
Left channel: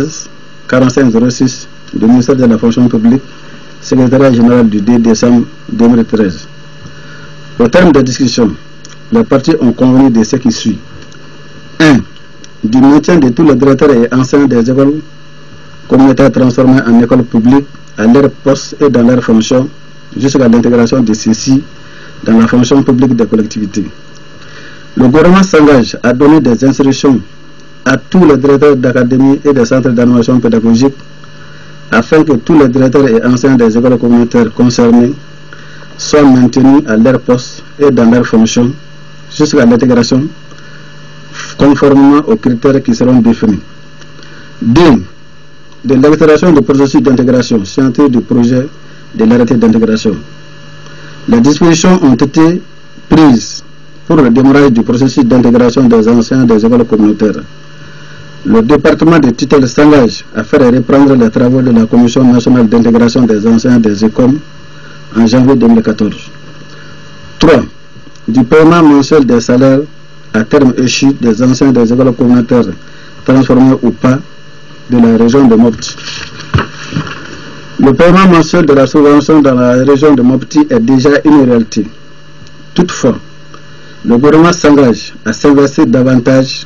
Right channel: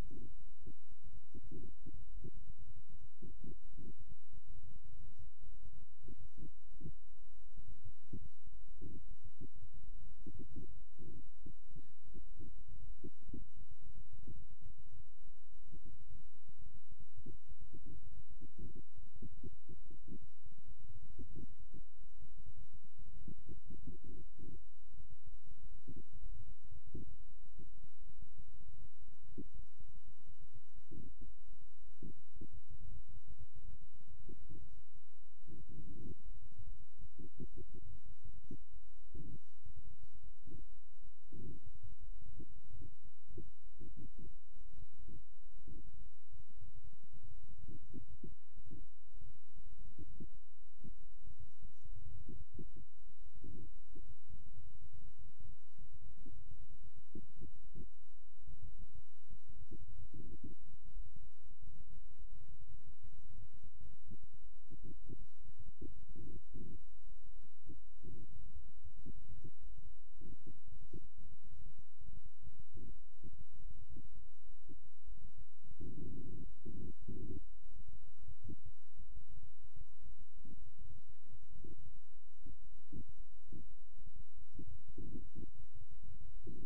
4506 du ministère de la fonction publique, secrétariat général du 10 décembre 2013. Au terme des discussions, les parties ont convenu de ce qui suit. 1. Du maintien de tous les directeurs et enseignants des écoles communautaires transformées en écoles publiques à leur poste et dans leurs fonctions, jusqu'à l'intégration de ceux-ci dans la fonction publique des collectivités. Le gouvernement s'engage à donner des instructions à tous les directeurs d'académie et des centres d'animation pédagogique afin que tous les directeurs et enseignants des écoles communautaires concernés soient maintenus à leur poste et dans leurs fonctions jusqu'à l'intégration conformément aux critères qui seront définis. 2. De l'accélération du processus d'intégration scientifique du projet de l'arrêté d'intégration. Les dispositions ont été prises pour le démarrage du processus d'intégration des enseignants des écoles communautaires. Le département de tutelle s'engage à faire reprendre les travaux de la Commission nationale d'intégration des enseignants des écoles en janvier 2014. 3. Du paiement mensuel des salaires à terme échu des enseignants des écoles communautaires transformés ou pas de la région de Mopti. Le paiement mensuel de la subvention dans la région de Mopti est déjà une réalité. Toutefois, le gouvernement s'engage à s'investir davantage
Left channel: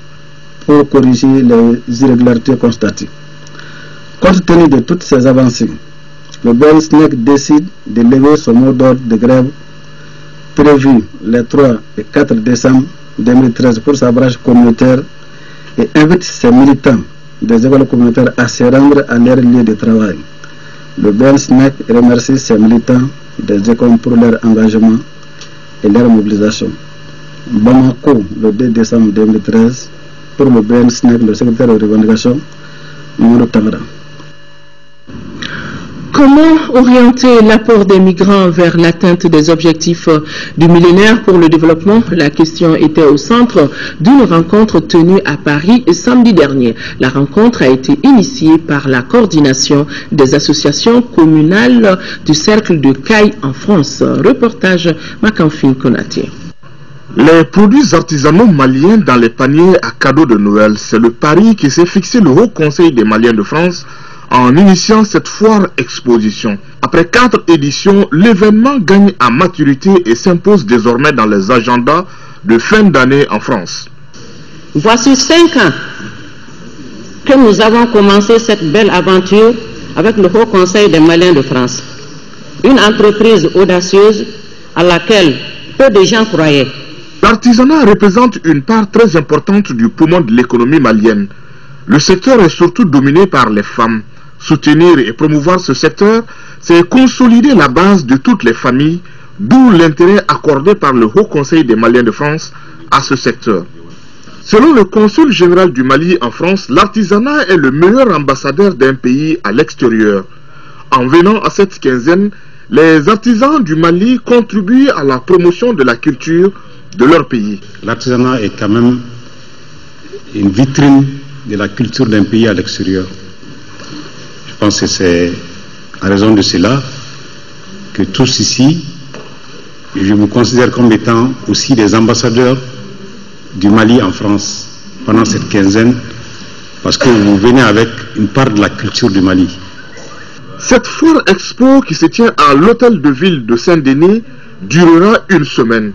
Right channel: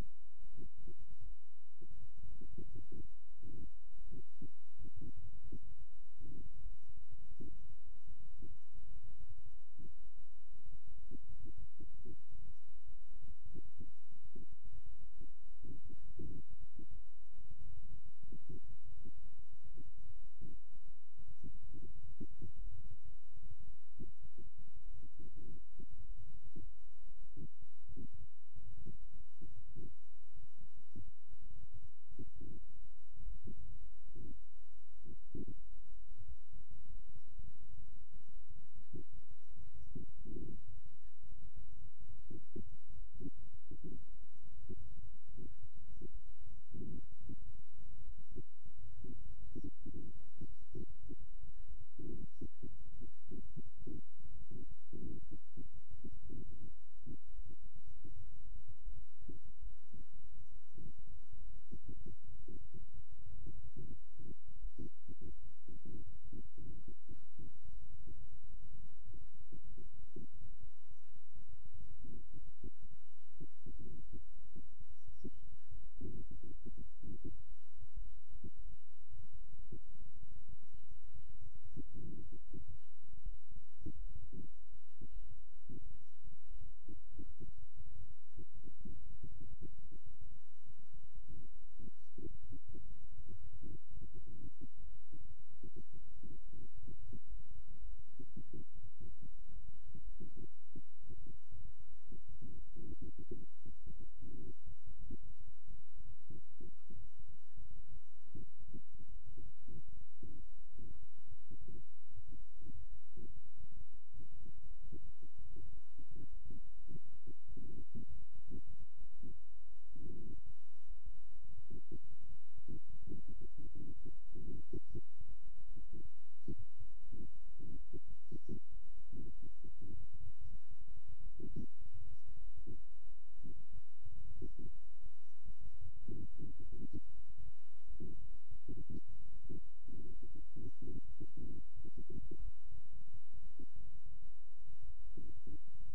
pour corriger les irrégularités constatées. Compte tenu de toutes ces avancées, le BN-SNEC décide de lever son mot d'ordre de grève prévu les 3 et 4 décembre 2013 pour sa branche communautaire et invite ses militants des écoles communautaires à se rendre à leur lieu de travail. Le BN-SNEC remercie ses militants des écoles pour leur engagement et leur mobilisation. Bamako, le 2 décembre 2013, pour le BN-SNEC, le secrétaire de revendication, Mamadou Tamara. Comment orienter l'apport des migrants vers l'atteinte des objectifs du millénaire pour le développement? La question était au centre d'une rencontre tenue à Paris samedi dernier. La rencontre a été initiée par la coordination des associations communales du Cercle de Caille en France. Reportage Makanfin Konaté. Les produits artisanaux maliens dans les paniers à cadeaux de Noël, c'est le pari qui s'est fixé le Haut Conseil des Maliens de France en initiant cette foire exposition. Après 4 éditions, l'événement gagne en maturité et s'impose désormais dans les agendas de fin d'année en France. Voici 5 ans que nous avons commencé cette belle aventure avec le Haut Conseil des Maliens de France. Une entreprise audacieuse à laquelle peu de gens croyaient. L'artisanat représente une part très importante du poumon de l'économie malienne. Le secteur est surtout dominé par les femmes. Soutenir et promouvoir ce secteur, c'est consolider la base de toutes les familles, d'où l'intérêt accordé par le Haut Conseil des Maliens de France à ce secteur. Selon le consul général du Mali en France, l'artisanat est le meilleur ambassadeur d'un pays à l'extérieur. En venant à cette quinzaine, les artisans du Mali contribuent à la promotion de la culture de leur pays. L'artisanat est quand même une vitrine de la culture d'un pays à l'extérieur. Je pense que c'est à raison de cela que tous ici, je me considère comme étant aussi des ambassadeurs du Mali en France pendant cette quinzaine, parce que vous venez avec une part de la culture du Mali. Cette foire expo qui se tient à l'hôtel de ville de Saint-Denis durera une semaine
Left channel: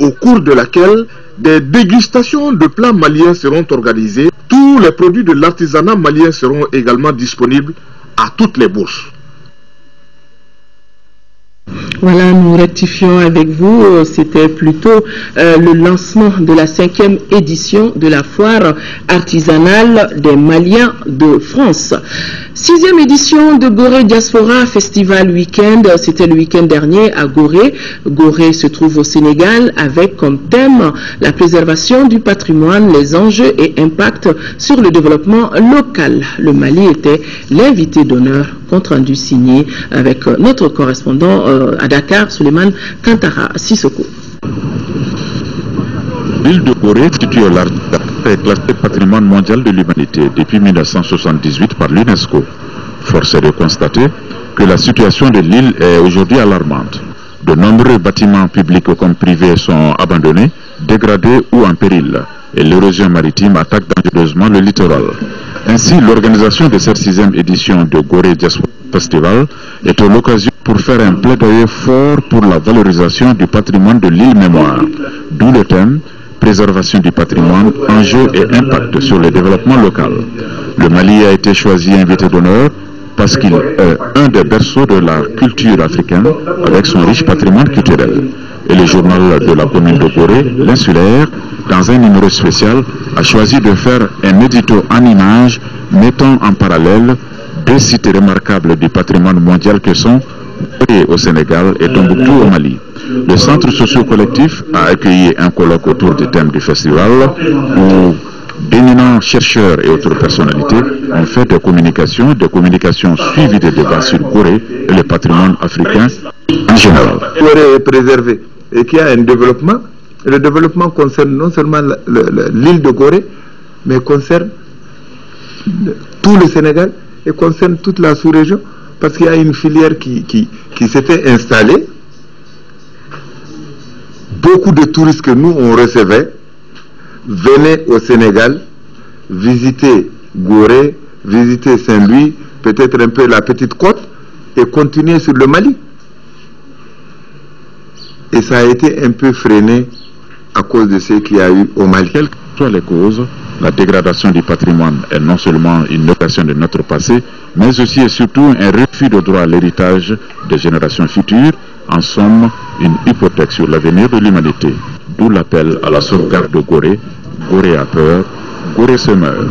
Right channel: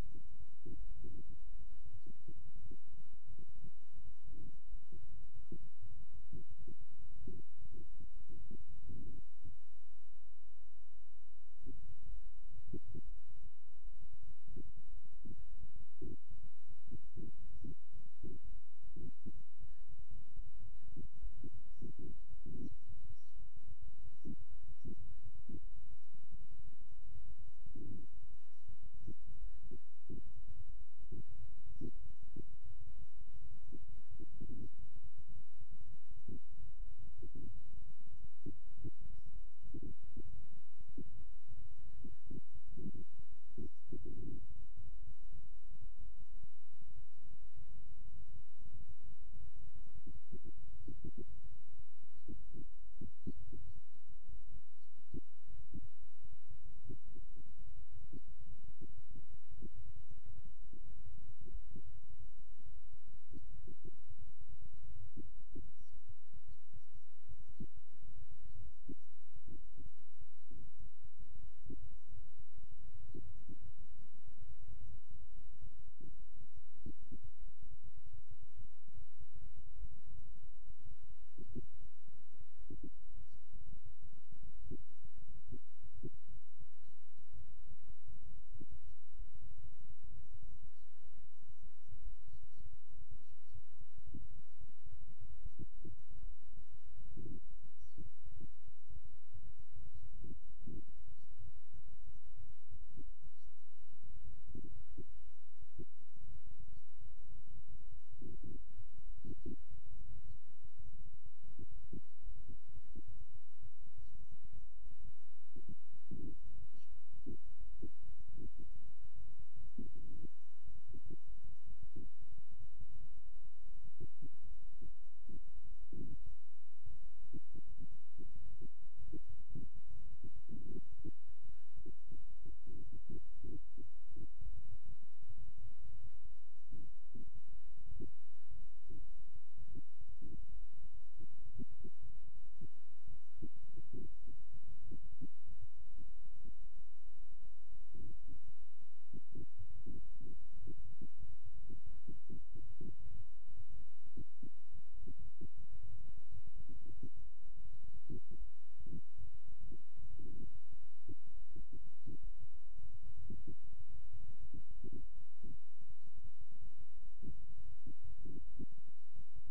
au cours de laquelle des dégustations de plats maliens seront organisées. Tous les produits de l'artisanat malien seront également disponibles à toutes les bourses. Voilà, nous rectifions avec vous, c'était plutôt le lancement de la 5e édition de la foire artisanale des Maliens de France. 6e édition de Gorée Diaspora Festival Week-end, c'était le week-end dernier à Gorée. Gorée se trouve au Sénégal avec comme thème la préservation du patrimoine, les enjeux et impacts sur le développement local. Le Mali était l'invité d'honneur, compte rendu signé avec notre correspondant à Dakar, Suleiman Kantara Sissoko. L'île de Gorée, située au large, est classée patrimoine mondial de l'humanité depuis 1978 par l'UNESCO. Force est de constater que la situation de l'île est aujourd'hui alarmante. De nombreux bâtiments publics comme privés sont abandonnés, dégradés ou en péril, et l'érosion maritime attaque dangereusement le littoral. Ainsi, l'organisation de cette 6e édition de Gorée Diaspora Festival est l'occasion pour faire un plaidoyer fort pour la valorisation du patrimoine de l'île Mémoire, d'où le thème préservation du patrimoine, enjeux et impact sur le développement local. Le Mali a été choisi invité d'honneur parce qu'il est un des berceaux de la culture africaine avec son riche patrimoine culturel. Et le journal de la commune de Gorée, l'Insulaire, dans un numéro spécial, a choisi de faire un édito en images mettant en parallèle deux sites remarquables du patrimoine mondial que sont Gorée au Sénégal et Tombouctou au Mali. Le centre socio-collectif a accueilli un colloque autour du thème du festival où d'éminents chercheurs et autres personnalités ont fait des communications suivies de débats sur Gorée et le patrimoine africain en général. Gorée est préservé et qu'il y a un développement. Et le développement concerne non seulement l'île de Gorée, mais concerne tout le Sénégal et concerne toute la sous-région, parce qu'il y a une filière qui s'était installée. Beaucoup de touristes que nous on recevait venaient au Sénégal visiter Gorée, visiter Saint-Louis, peut-être un peu la Petite Côte et continuer sur le Mali. Et ça a été un peu freiné à cause de ce qu'il y a eu au Mali. Quelles que soient les causes, la dégradation du patrimoine est non seulement une négation de notre passé, mais aussi et surtout un refus de droit à l'héritage des générations futures, en somme une hypothèque sur l'avenir de l'humanité. D'où l'appel à la sauvegarde de Gorée. Gorée a peur, Gorée se meurt.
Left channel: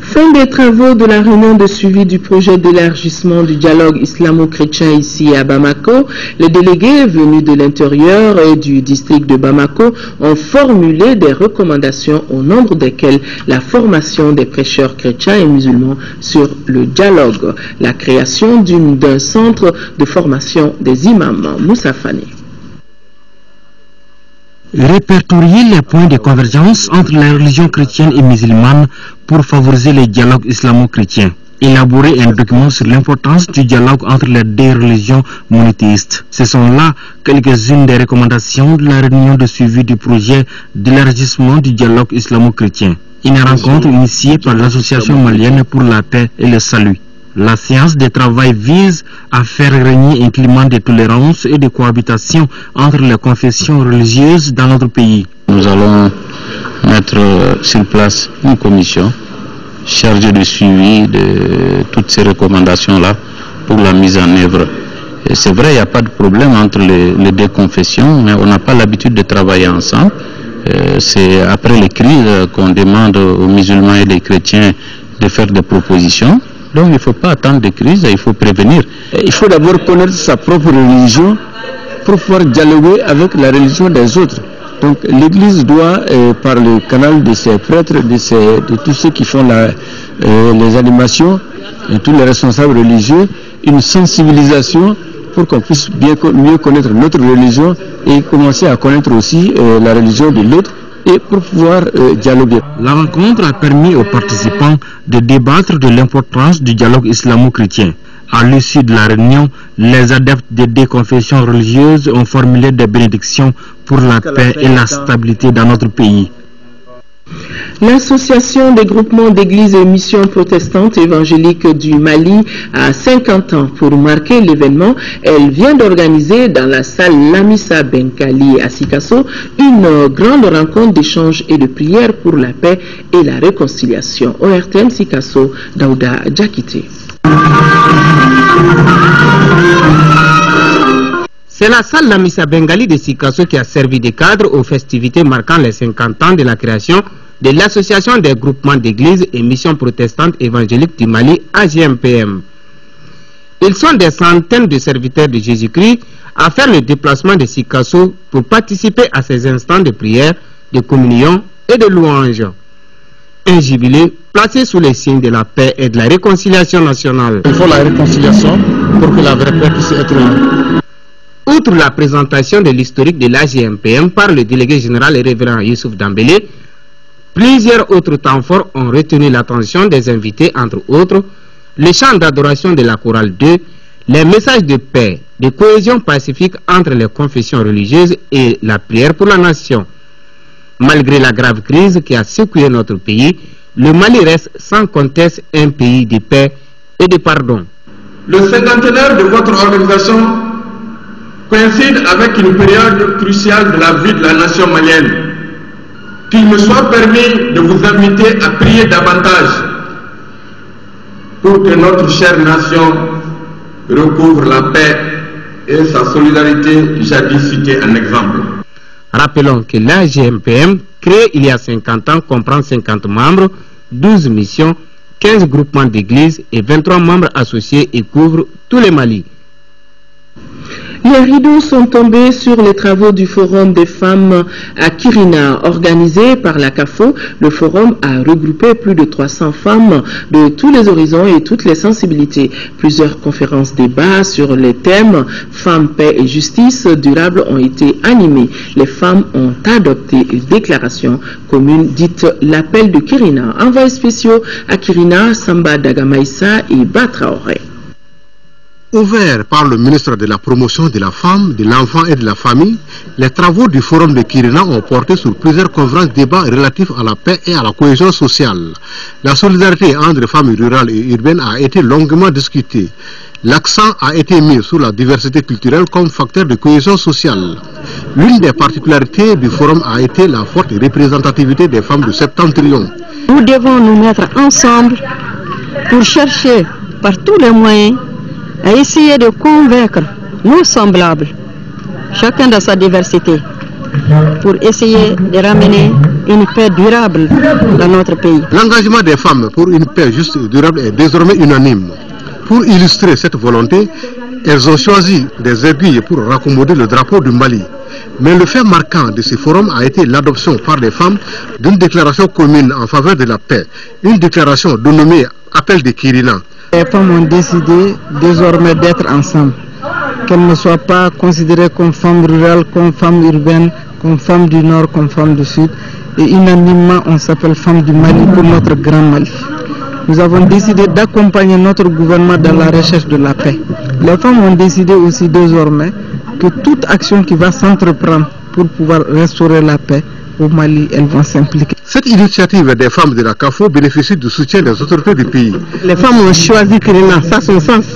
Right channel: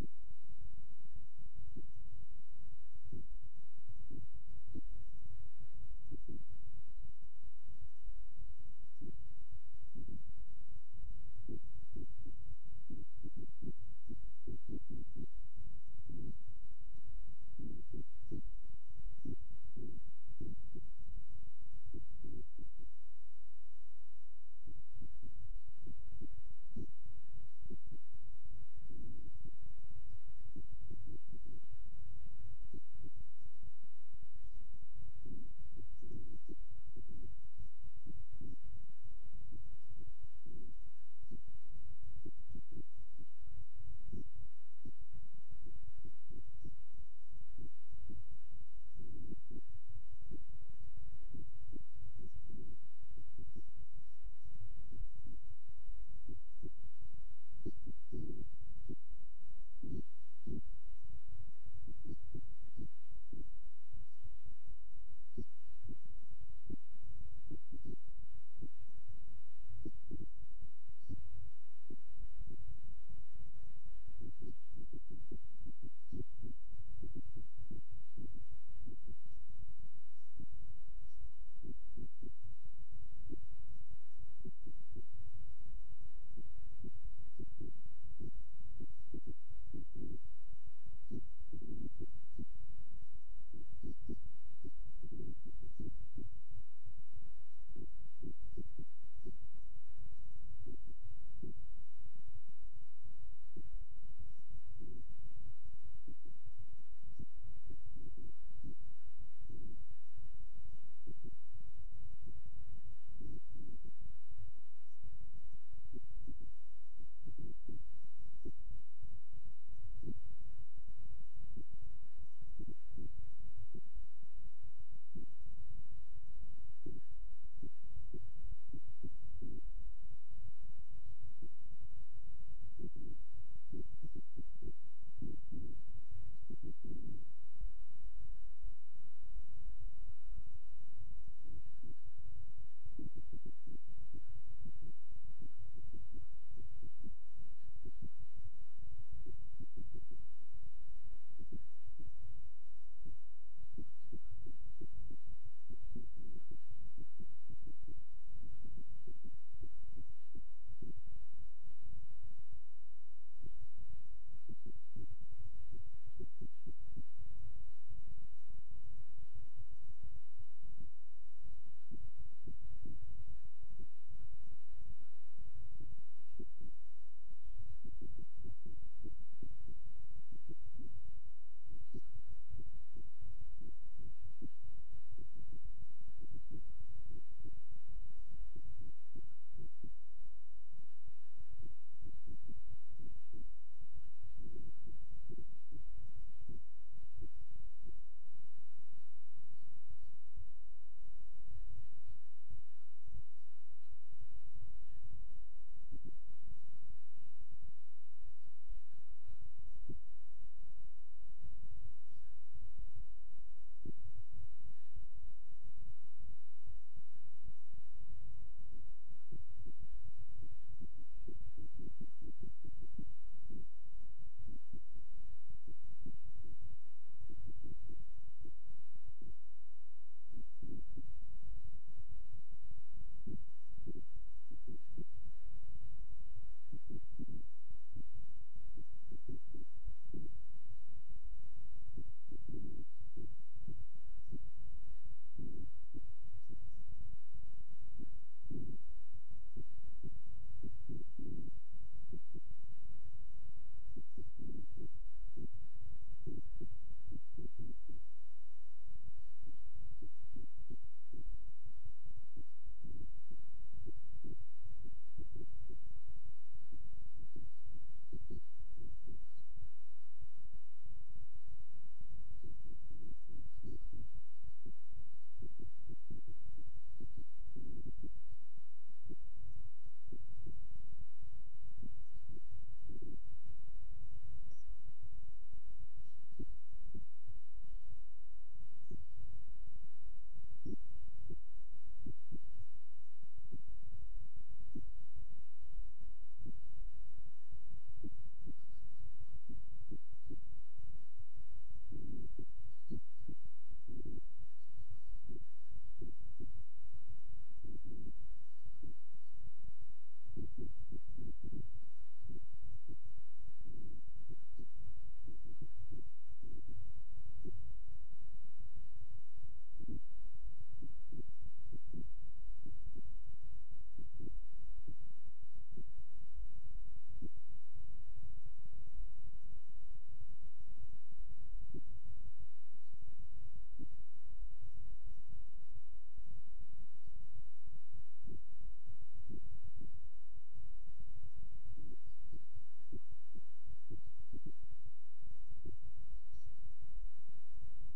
Fin des travaux de la réunion de suivi du projet d'élargissement du dialogue islamo-chrétien ici à Bamako. Les délégués venus de l'intérieur et du district de Bamako ont formulé des recommandations au nombre desquelles la formation des prêcheurs chrétiens et musulmans sur le dialogue, la création d'un centre de formation des imams. Moussa Fani. Répertorier les points de convergence entre les religions chrétiennes et musulmanes pour favoriser le dialogue islamo-chrétien. Élaborer un document sur l'importance du dialogue entre les deux religions monothéistes. Ce sont là quelques-unes des recommandations de la réunion de suivi du projet d'élargissement du dialogue islamo-chrétien. Une rencontre initiée par l'Association malienne pour la paix et le salut. La séance de travail vise à faire régner un climat de tolérance et de cohabitation entre les confessions religieuses dans notre pays. Nous allons mettre sur place une commission chargée de suivi de toutes ces recommandations-là pour la mise en œuvre. C'est vrai, il n'y a pas de problème entre les deux confessions, mais on n'a pas l'habitude de travailler ensemble. C'est après les crises qu'on demande aux musulmans et les chrétiens de faire des propositions. Donc il ne faut pas attendre des crises, il faut prévenir. Il faut d'abord connaître sa propre religion pour pouvoir dialoguer avec la religion des autres. Donc l'Église doit, par le canal de ses prêtres, de tous ceux qui font les animations, et tous les responsables religieux, une sensibilisation pour qu'on puisse mieux connaître notre religion et commencer à connaître aussi la religion de l'autre, et pour pouvoir dialoguer. La rencontre a permis aux participants de débattre de l'importance du dialogue islamo-chrétien. À l'issue de la réunion, les adeptes des deux confessions religieuses ont formulé des bénédictions pour la paix et la stabilité dans notre pays. L'Association des groupements d'églises et missions protestantes évangéliques du Mali a 50 ans. Pour marquer l'événement, elle vient d'organiser dans la salle Lamissa Benkali à Sikasso une grande rencontre d'échange et de prière pour la paix et la réconciliation. ORTM Sikasso, Daouda Djakite. C'est la salle Lamissa Bengali de Sikasso qui a servi de cadre aux festivités marquant les 50 ans de la création de l'Association des groupements d'églises et missions protestantes évangéliques du Mali, AGMPM. Ils sont des centaines de serviteurs de Jésus-Christ à faire le déplacement de Sikasso pour participer à ces instants de prière, de communion et de louange. Un jubilé placé sous les signes de la paix et de la réconciliation nationale. Il faut la réconciliation pour que la vraie paix puisse être là. Outre la présentation de l'historique de l'AGMPM par le délégué général et révérend Youssouf Dambélé, plusieurs autres temps forts ont retenu l'attention des invités, entre autres les chants d'adoration de la chorale 2, les messages de paix, de cohésion pacifique entre les confessions religieuses et la prière pour la nation. Malgré la grave crise qui a secoué notre pays, le Mali reste sans conteste un pays de paix et de pardon. Le cinquantenaire de votre organisation coïncide avec une période cruciale de la vie de la nation malienne. Qu'il me soit permis de vous inviter à prier davantage pour que notre chère nation recouvre la paix et sa solidarité jadis citée en exemple. Rappelons que l'AGMPM, créé il y a 50 ans, comprend 50 membres, 12 missions, 15 groupements d'églises et 23 membres associés et couvre tout le Mali. Les rideaux sont tombés sur les travaux du Forum des femmes à Kirina. Organisé par la CAFO, le forum a regroupé plus de 300 femmes de tous les horizons et toutes les sensibilités. Plusieurs conférences débats sur les thèmes femmes, paix et justice durable ont été animées. Les femmes ont adopté une déclaration commune dite l'appel de Kirina. Envoyés spéciaux à Kirina, Samba Dagamaïsa et Batraoré. Ouvert par le ministre de la Promotion de la Femme, de l'Enfant et de la Famille, les travaux du Forum de Kirina ont porté sur plusieurs conférences débats relatifs à la paix et à la cohésion sociale. La solidarité entre femmes rurales et urbaines a été longuement discutée. L'accent a été mis sur la diversité culturelle comme facteur de cohésion sociale. L'une des particularités du forum a été la forte représentativité des femmes du septentrion. Nous devons nous mettre ensemble pour chercher par tous les moyens à essayer de convaincre nos semblables, chacun dans sa diversité, pour essayer de ramener une paix durable dans notre pays. L'engagement des femmes pour une paix juste et durable est désormais unanime. Pour illustrer cette volonté, elles ont choisi des aiguilles pour raccommoder le drapeau du Mali. Mais le fait marquant de ce forum a été l'adoption par les femmes d'une déclaration commune en faveur de la paix, une déclaration dénommée Appel de Kirina. Les femmes ont décidé désormais d'être ensemble, qu'elles ne soient pas considérées comme femmes rurales, comme femmes urbaines, comme femmes du nord, comme femmes du sud. Et unanimement, on s'appelle femmes du Mali pour notre grand Mali. Nous avons décidé d'accompagner notre gouvernement dans la recherche de la paix. Les femmes ont décidé aussi désormais que toute action qui va s'entreprendre pour pouvoir restaurer la paix au Mali, elles vont s'impliquer. Cette initiative des femmes de la CAFO bénéficie du soutien des autorités du pays. Les femmes ont choisi Kirina, ça a son sens,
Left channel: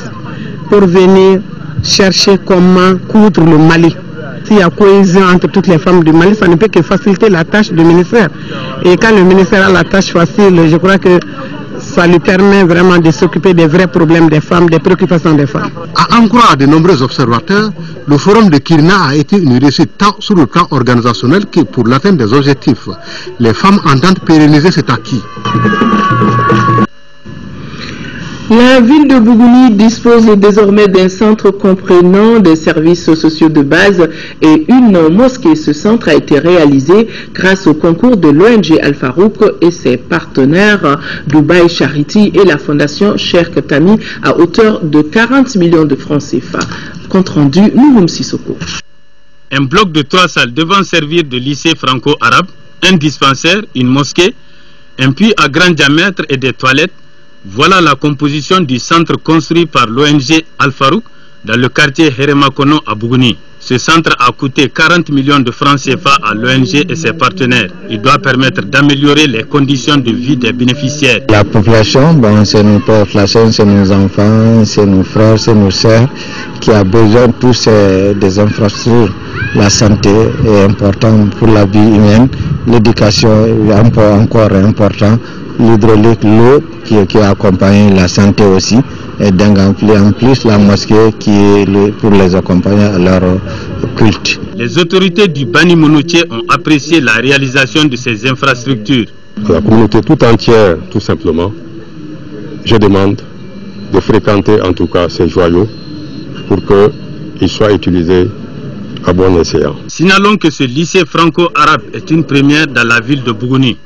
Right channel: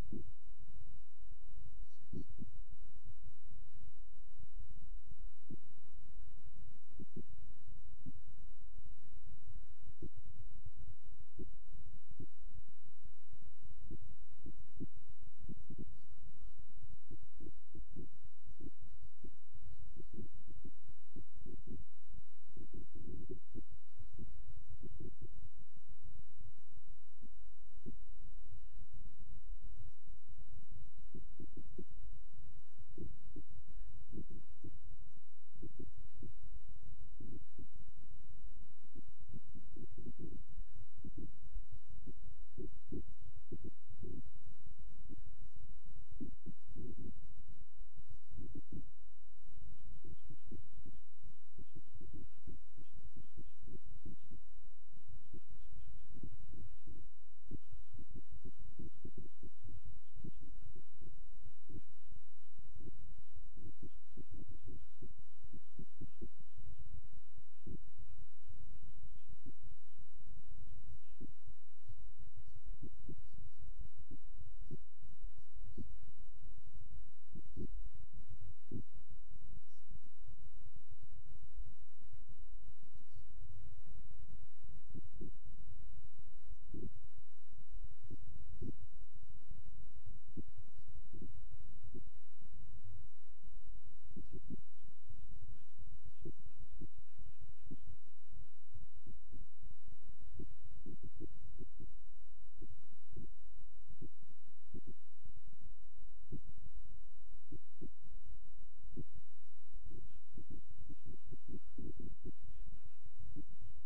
pour venir chercher comment coudre le Mali. S'il y a cohésion entre toutes les femmes du Mali, ça ne peut que faciliter la tâche du ministère. Et quand le ministère a la tâche facile, je crois que ça lui permet vraiment de s'occuper des vrais problèmes des femmes, des préoccupations des femmes. À en croire de nombreux observateurs, le forum de Kirina a été une réussite tant sur le plan organisationnel que pour l'atteinte des objectifs. Les femmes entendent pérenniser cet acquis. La ville de Bougouni dispose désormais d'un centre comprenant des services sociaux de base et une mosquée. Ce centre a été réalisé grâce au concours de l'ONG Al-Farouk et ses partenaires Dubaï Charity et la fondation Cheikh Tami à hauteur de 40 millions de francs CFA. Compte rendu, Nouroum Sissoko. Un bloc de 3 salles devant servir de lycée franco-arabe, un dispensaire, une mosquée, un puits à grand diamètre et des toilettes. Voilà la composition du centre construit par l'ONG Al-Farouk dans le quartier Heremakono à Bougouni. Ce centre a coûté 40 millions de francs CFA à l'ONG et ses partenaires. Il doit permettre d'améliorer les conditions de vie des bénéficiaires. La population, c'est nos populations, c'est nos enfants, c'est nos frères, c'est nos sœurs qui a besoin de tous des infrastructures. La santé est importante pour la vie humaine, l'éducation est encore important. L'hydraulique, l'eau qui accompagne la santé aussi, et donc en plus la mosquée qui est pour les accompagner à leur culte. Les autorités du Bani Monoutié ont apprécié la réalisation de ces infrastructures. À la communauté tout entière, tout simplement, je demande de fréquenter en tout cas ces joyaux pour qu'ils soient utilisés à bon escient. Signalons que ce lycée franco-arabe est une première dans la ville de Bougouni.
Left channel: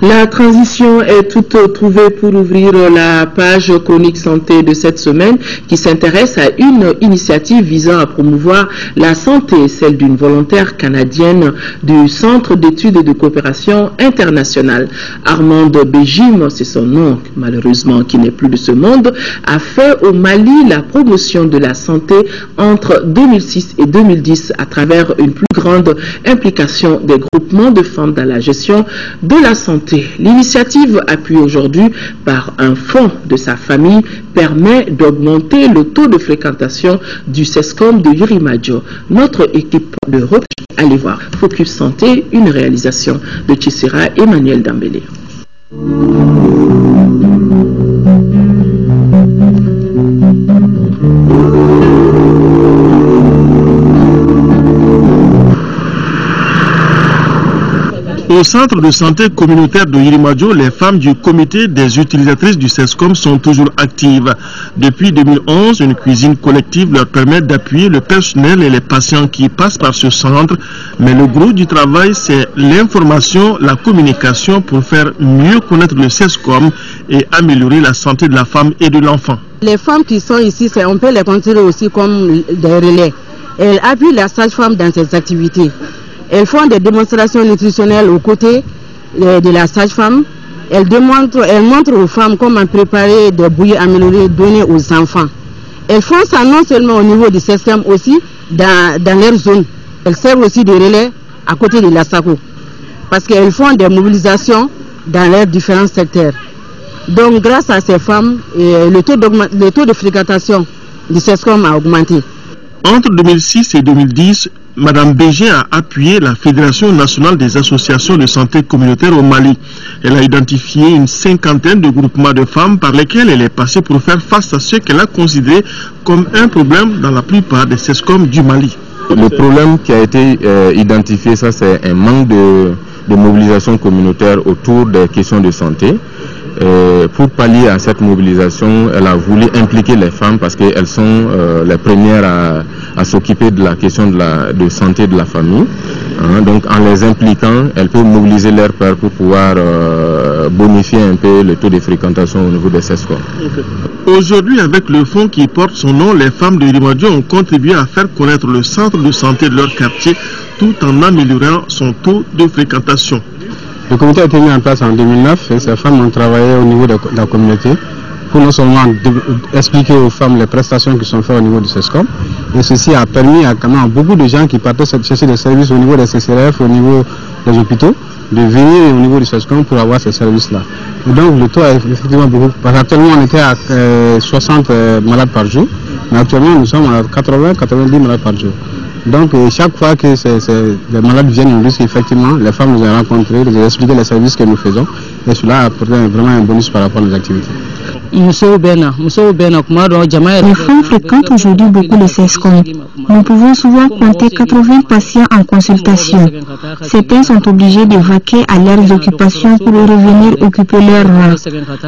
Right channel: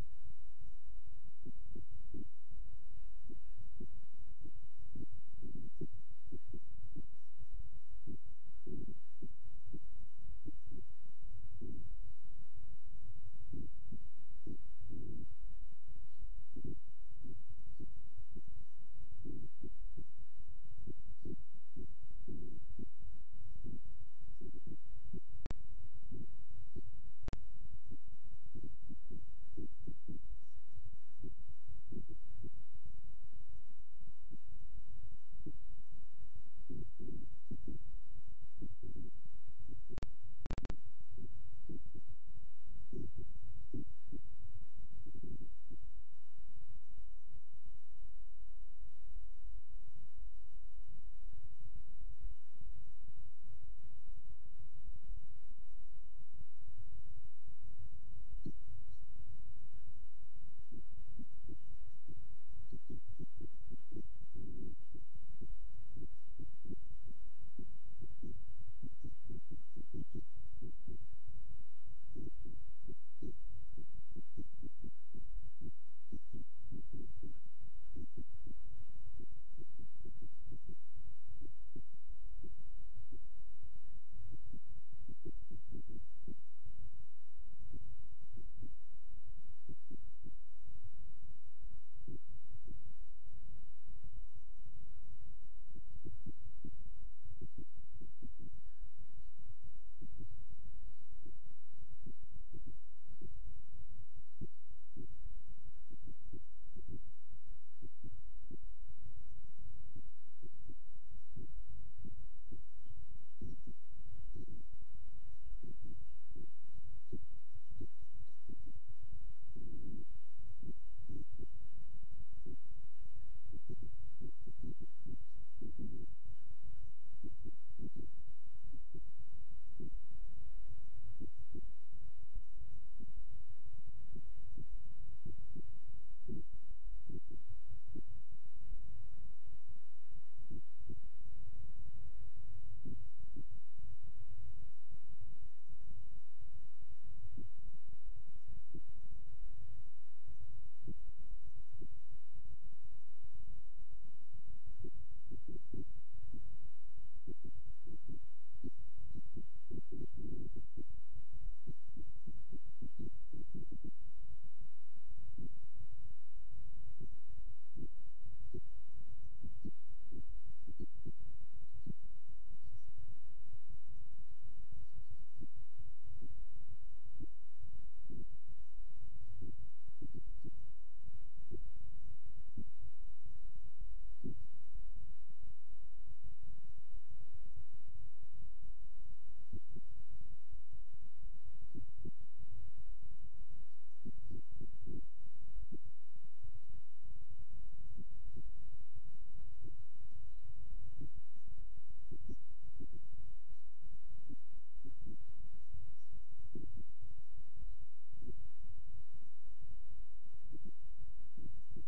La transition est toute trouvée pour ouvrir la page chronique santé de cette semaine qui s'intéresse à une initiative visant à promouvoir la santé, celle d'une volontaire canadienne du Centre d'études et de coopération internationale. Armande Béjim, c'est son nom malheureusement qui n'est plus de ce monde, a fait au Mali la promotion de la santé entre 2006 et 2010 à travers une plus grande implication des groupements de femmes dans la gestion de la santé. L'initiative, appuyée aujourd'hui par un fonds de sa famille, permet d'augmenter le taux de fréquentation du CESCOM de Yurimadio. Notre équipe de recherche, allez voir, Focus Santé, une réalisation de Tchissira Emmanuel Dambélé. Au centre de santé communautaire de Yurimadio, les femmes du comité des utilisatrices du CESCOM sont toujours actives. Depuis 2011, une cuisine collective leur permet d'appuyer le personnel et les patients qui passent par ce centre. Mais le gros du travail, c'est l'information, la communication pour faire mieux connaître le CESCOM et améliorer la santé de la femme et de l'enfant. Les femmes qui sont ici, on peut les considérer aussi comme des relais. Elles appuient la sage-femme dans ses activités. Elles font des démonstrations nutritionnelles aux côtés de la sage-femme. Elles montrent aux femmes comment préparer des bouillies améliorées données aux enfants. Elles font ça non seulement au niveau du système, aussi dans leur zone. Elles servent aussi de relais à côté de la SACO. Parce qu'elles font des mobilisations dans leurs différents secteurs. Donc grâce à ces femmes, le taux de fréquentation du CESCOM a augmenté. Entre 2006 et 2010, Madame Béjim a appuyé la Fédération nationale des associations de santé communautaire au Mali. Elle a identifié une cinquantaine de groupements de femmes par lesquels elle est passée pour faire face à ce qu'elle a considéré comme un problème dans la plupart des CESCOM du Mali. Le problème qui a été identifié, ça c'est un manque de mobilisation communautaire autour des questions de santé. Pour pallier à cette mobilisation, elle a voulu impliquer les femmes parce qu'elles sont les premières à s'occuper de la question de santé de la famille. Donc en les impliquant, elles peuvent mobiliser leurs pairs pour pouvoir bonifier un peu le taux de fréquentation au niveau des CESCOM. Aujourd'hui, avec le fonds qui porte son nom, les femmes de Yurimadio ont contribué à faire connaître le centre de santé de leur quartier tout en améliorant son taux de fréquentation. Le comité a été mis en place en 2009 et ces femmes ont travaillé au niveau de la communauté pour non seulement expliquer aux femmes les prestations qui sont faites au niveau du CESCOM, mais ceci a permis à beaucoup de gens qui partaient chercher des services au niveau des CCRF, au niveau des hôpitaux, de venir au niveau du CESCOM pour avoir ces services-là. Et donc le taux a effectivement beaucoup, parce qu'actuellement on était à 60 malades par jour, mais actuellement nous sommes à 80-90 malades par jour. Donc chaque fois que les malades viennent, nous disent qu'effectivement les femmes nous ont rencontrés, nous ont expliqué les services que nous faisons et cela a apporté vraiment un bonus par rapport à nos activités. Les femmes fréquentent aujourd'hui beaucoup le CESCOM. Nous pouvons souvent compter 80 patients en consultation. Certains sont obligés de vaquer à leurs occupations pour revenir occuper leur rang.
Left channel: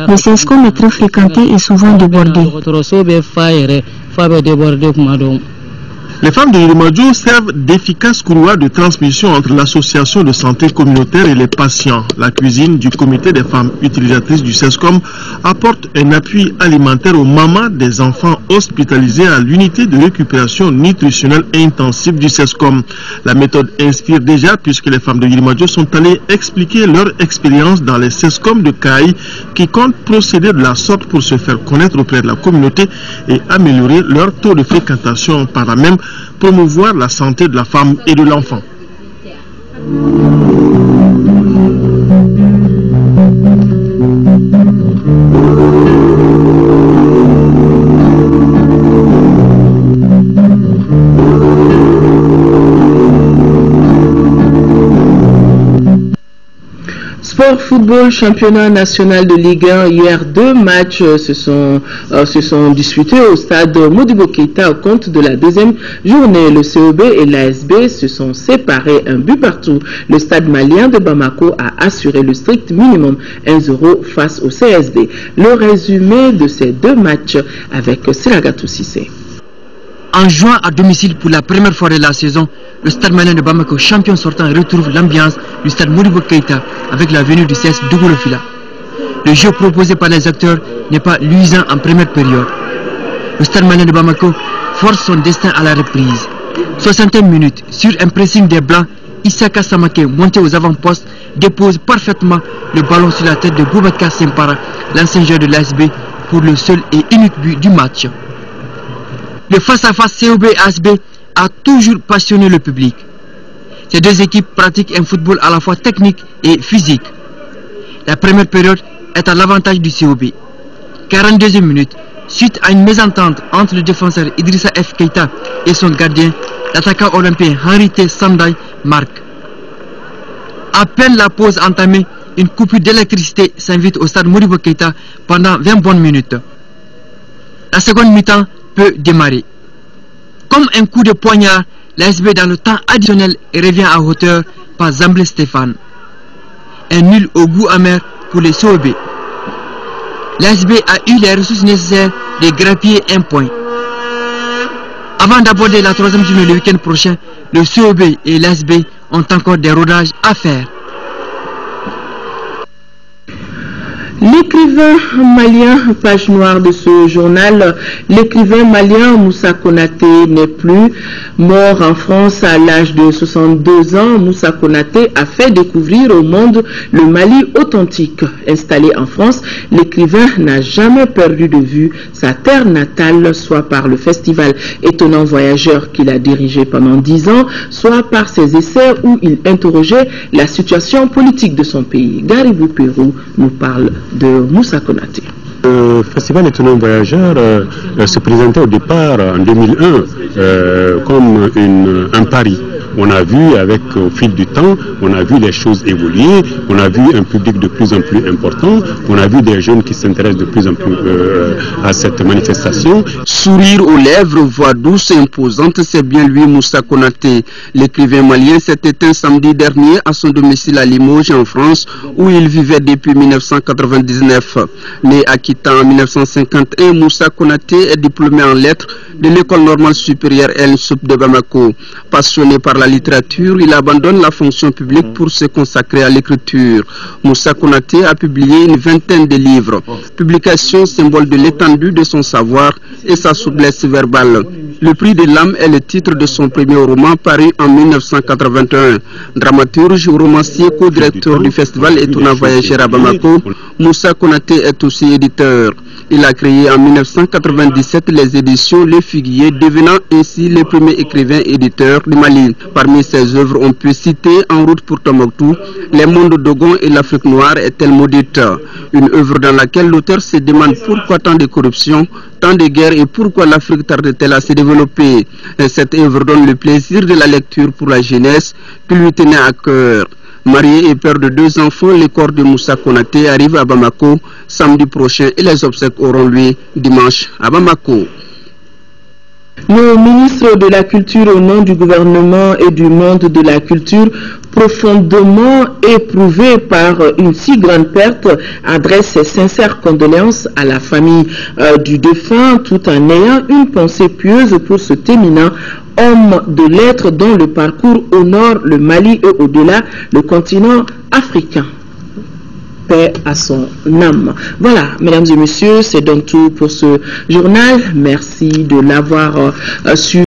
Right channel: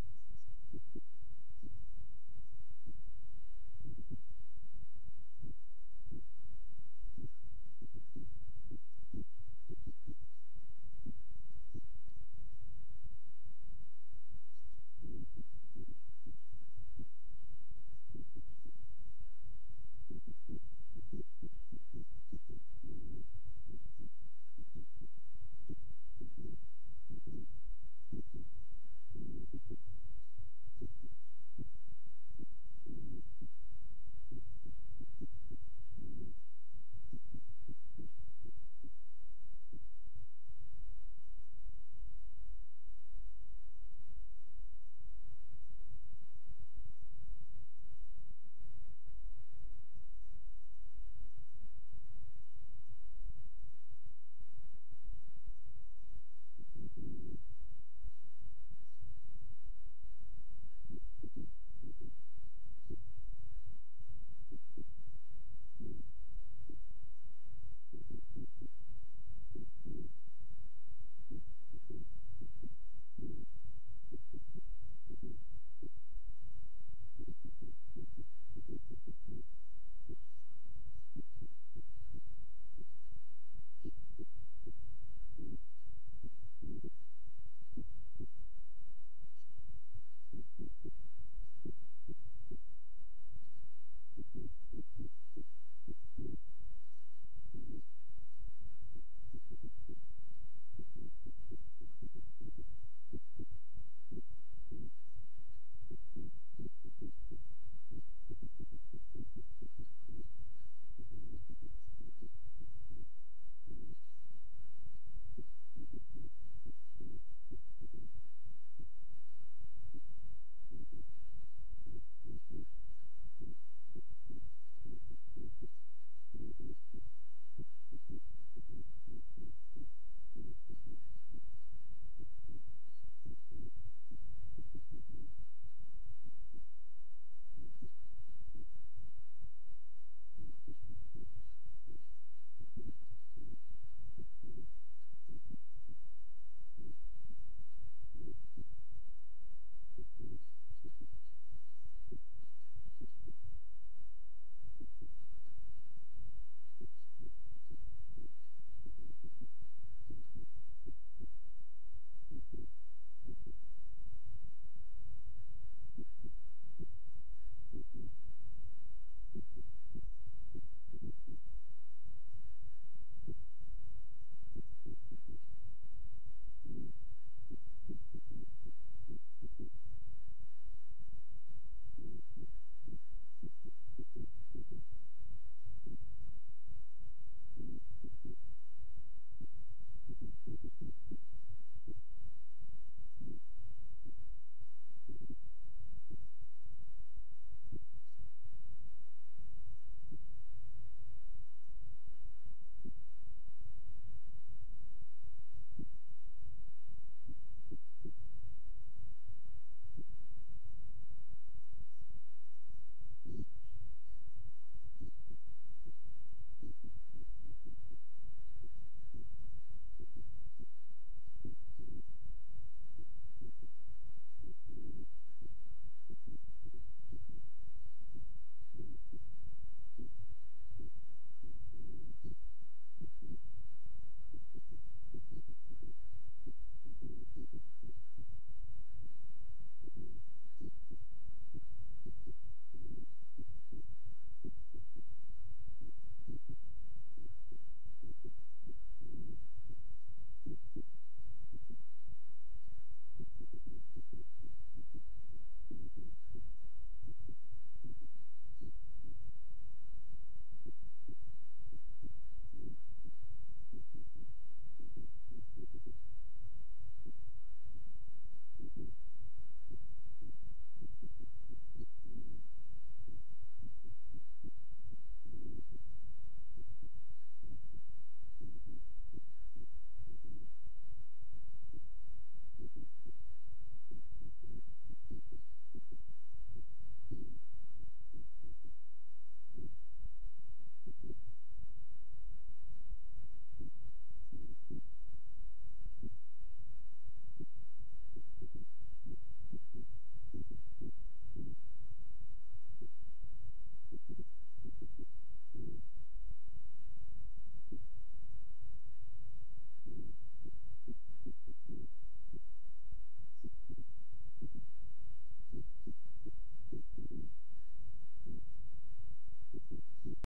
Le CESCOM est très fréquenté et souvent débordé. Les femmes de Yurimadio servent d'efficaces couloirs de transmission entre l'association de santé communautaire et les patients. La cuisine du comité des femmes utilisatrices du CESCOM apporte un appui alimentaire aux mamans des enfants hospitalisés à l'unité de récupération nutritionnelle intensive du CESCOM. La méthode inspire déjà puisque les femmes de Yurimadio sont allées expliquer leur expérience dans les CESCOM de Caï qui comptent procéder de la sorte pour se faire connaître auprès de la communauté et améliorer leur taux de fréquentation, par la même promouvoir la santé de la femme et de l'enfant. Sport football, championnat national de Ligue 1. Hier, 2 matchs se sont disputés au stade Modibo Keïta au compte de la deuxième journée. Le COB et l'ASB se sont séparés 1 but partout. Le stade malien de Bamako a assuré le strict minimum 1-0 face au CSD. Le résumé de ces 2 matchs avec Siragatou Sissé. En jouant à domicile pour la première fois de la saison, le Stade Malien de Bamako, champion sortant, retrouve l'ambiance du Stade Modibo Keïta avec la venue du CS Dougoulofila. Le jeu proposé par les acteurs n'est pas luisant en première période. Le Stade Malien de Bamako force son destin à la reprise. 61 minutes, sur un pressing des Blancs, Issaka Samake, monté aux avant-postes, dépose parfaitement le ballon sur la tête de Boubacar Sempara, l'ancien joueur de l'ASB, pour le seul et unique but du match. Le face-à-face COB-ASB a toujours passionné le public. Ces deux équipes pratiquent un football à la fois technique et physique. La première période est à l'avantage du COB. 42e minute, suite à une mésentente entre le défenseur Idrissa F. Keïta et son gardien, l'attaquant olympien Henri T. Sanday marque. À peine la pause entamée, une coupure d'électricité s'invite au stade Modibo Keïta pendant 20 bonnes minutes. La seconde mi-temps peut démarrer. Comme un coup de poignard, l'ASB dans le temps additionnel revient à hauteur par Zamblé Stéphane. Un nul au goût amer pour les COB. L'ASB a eu les ressources nécessaires de grappiller un point. Avant d'aborder la troisième journée le week-end prochain, le COB et l'ASB ont encore des rodages à faire. L'écrivain malien, page noire de ce journal, l'écrivain malien Moussa Konaté n'est plus mort en France à l'âge de 62 ans. Moussa Konaté a fait découvrir au monde le Mali authentique. Installé en France, l'écrivain n'a jamais perdu de vue sa terre natale, soit par le festival Étonnant Voyageur qu'il a dirigé pendant 10 ans, soit par ses essais où il interrogeait la situation politique de son pays. Garibou Pérou nous parle de Moussa Konaté. Le festival Étonnant Voyageur se présentait au départ en 2001 comme un pari. On a vu au fil du temps, on a vu les choses évoluer, on a vu un public de plus en plus important, on a vu des jeunes qui s'intéressent de plus en plus à cette manifestation. Sourire aux lèvres, voix douce et imposante, c'est bien lui Moussa Konaté. L'écrivain malien s'est éteint samedi dernier à son domicile à Limoges en France, où il vivait depuis 1999. Né à Kita en 1951, Moussa Konaté est diplômé en lettres de l'école normale supérieure El Soup de Bamako. Passionné par la littérature, il abandonne la fonction publique pour se consacrer à l'écriture. Moussa Konaté a publié une vingtaine de livres. Publication symbole de l'étendue de son savoir et sa souplesse verbale. Le prix de l'âme est le titre de son premier roman paru en 1981. Dramaturge, romancier, co-directeur du festival Étonnant Voyageur à Bamako, Moussa Konaté est aussi éditeur. Il a créé en 1997 les éditions Le Figuier, devenant ainsi le premier écrivain éditeur du Mali. Parmi ses œuvres, on peut citer En route pour Tombouctou, Les mondes d'Ogon et l'Afrique noire est-elle maudite. Une œuvre dans laquelle l'auteur se demande pourquoi tant de corruption, tant de guerres et pourquoi l'Afrique tarde-t-elle à se développer. Et cette œuvre donne le plaisir de la lecture pour la jeunesse qui lui tenait à cœur. Marié et père de 2 enfants, le corps de Moussa Konaté arrive à Bamako samedi prochain et les obsèques auront lieu dimanche à Bamako. Le ministre de la Culture, au nom du gouvernement et du monde de la culture, profondément éprouvé par une si grande perte, adresse ses sincères condoléances à la famille du défunt, tout en ayant une pensée pieuse pour ce éminent homme de lettres dont le parcours honore le Mali et au-delà le continent africain. Paix à son âme. Voilà, mesdames et messieurs, c'est donc tout pour ce journal. Merci de l'avoir suivi.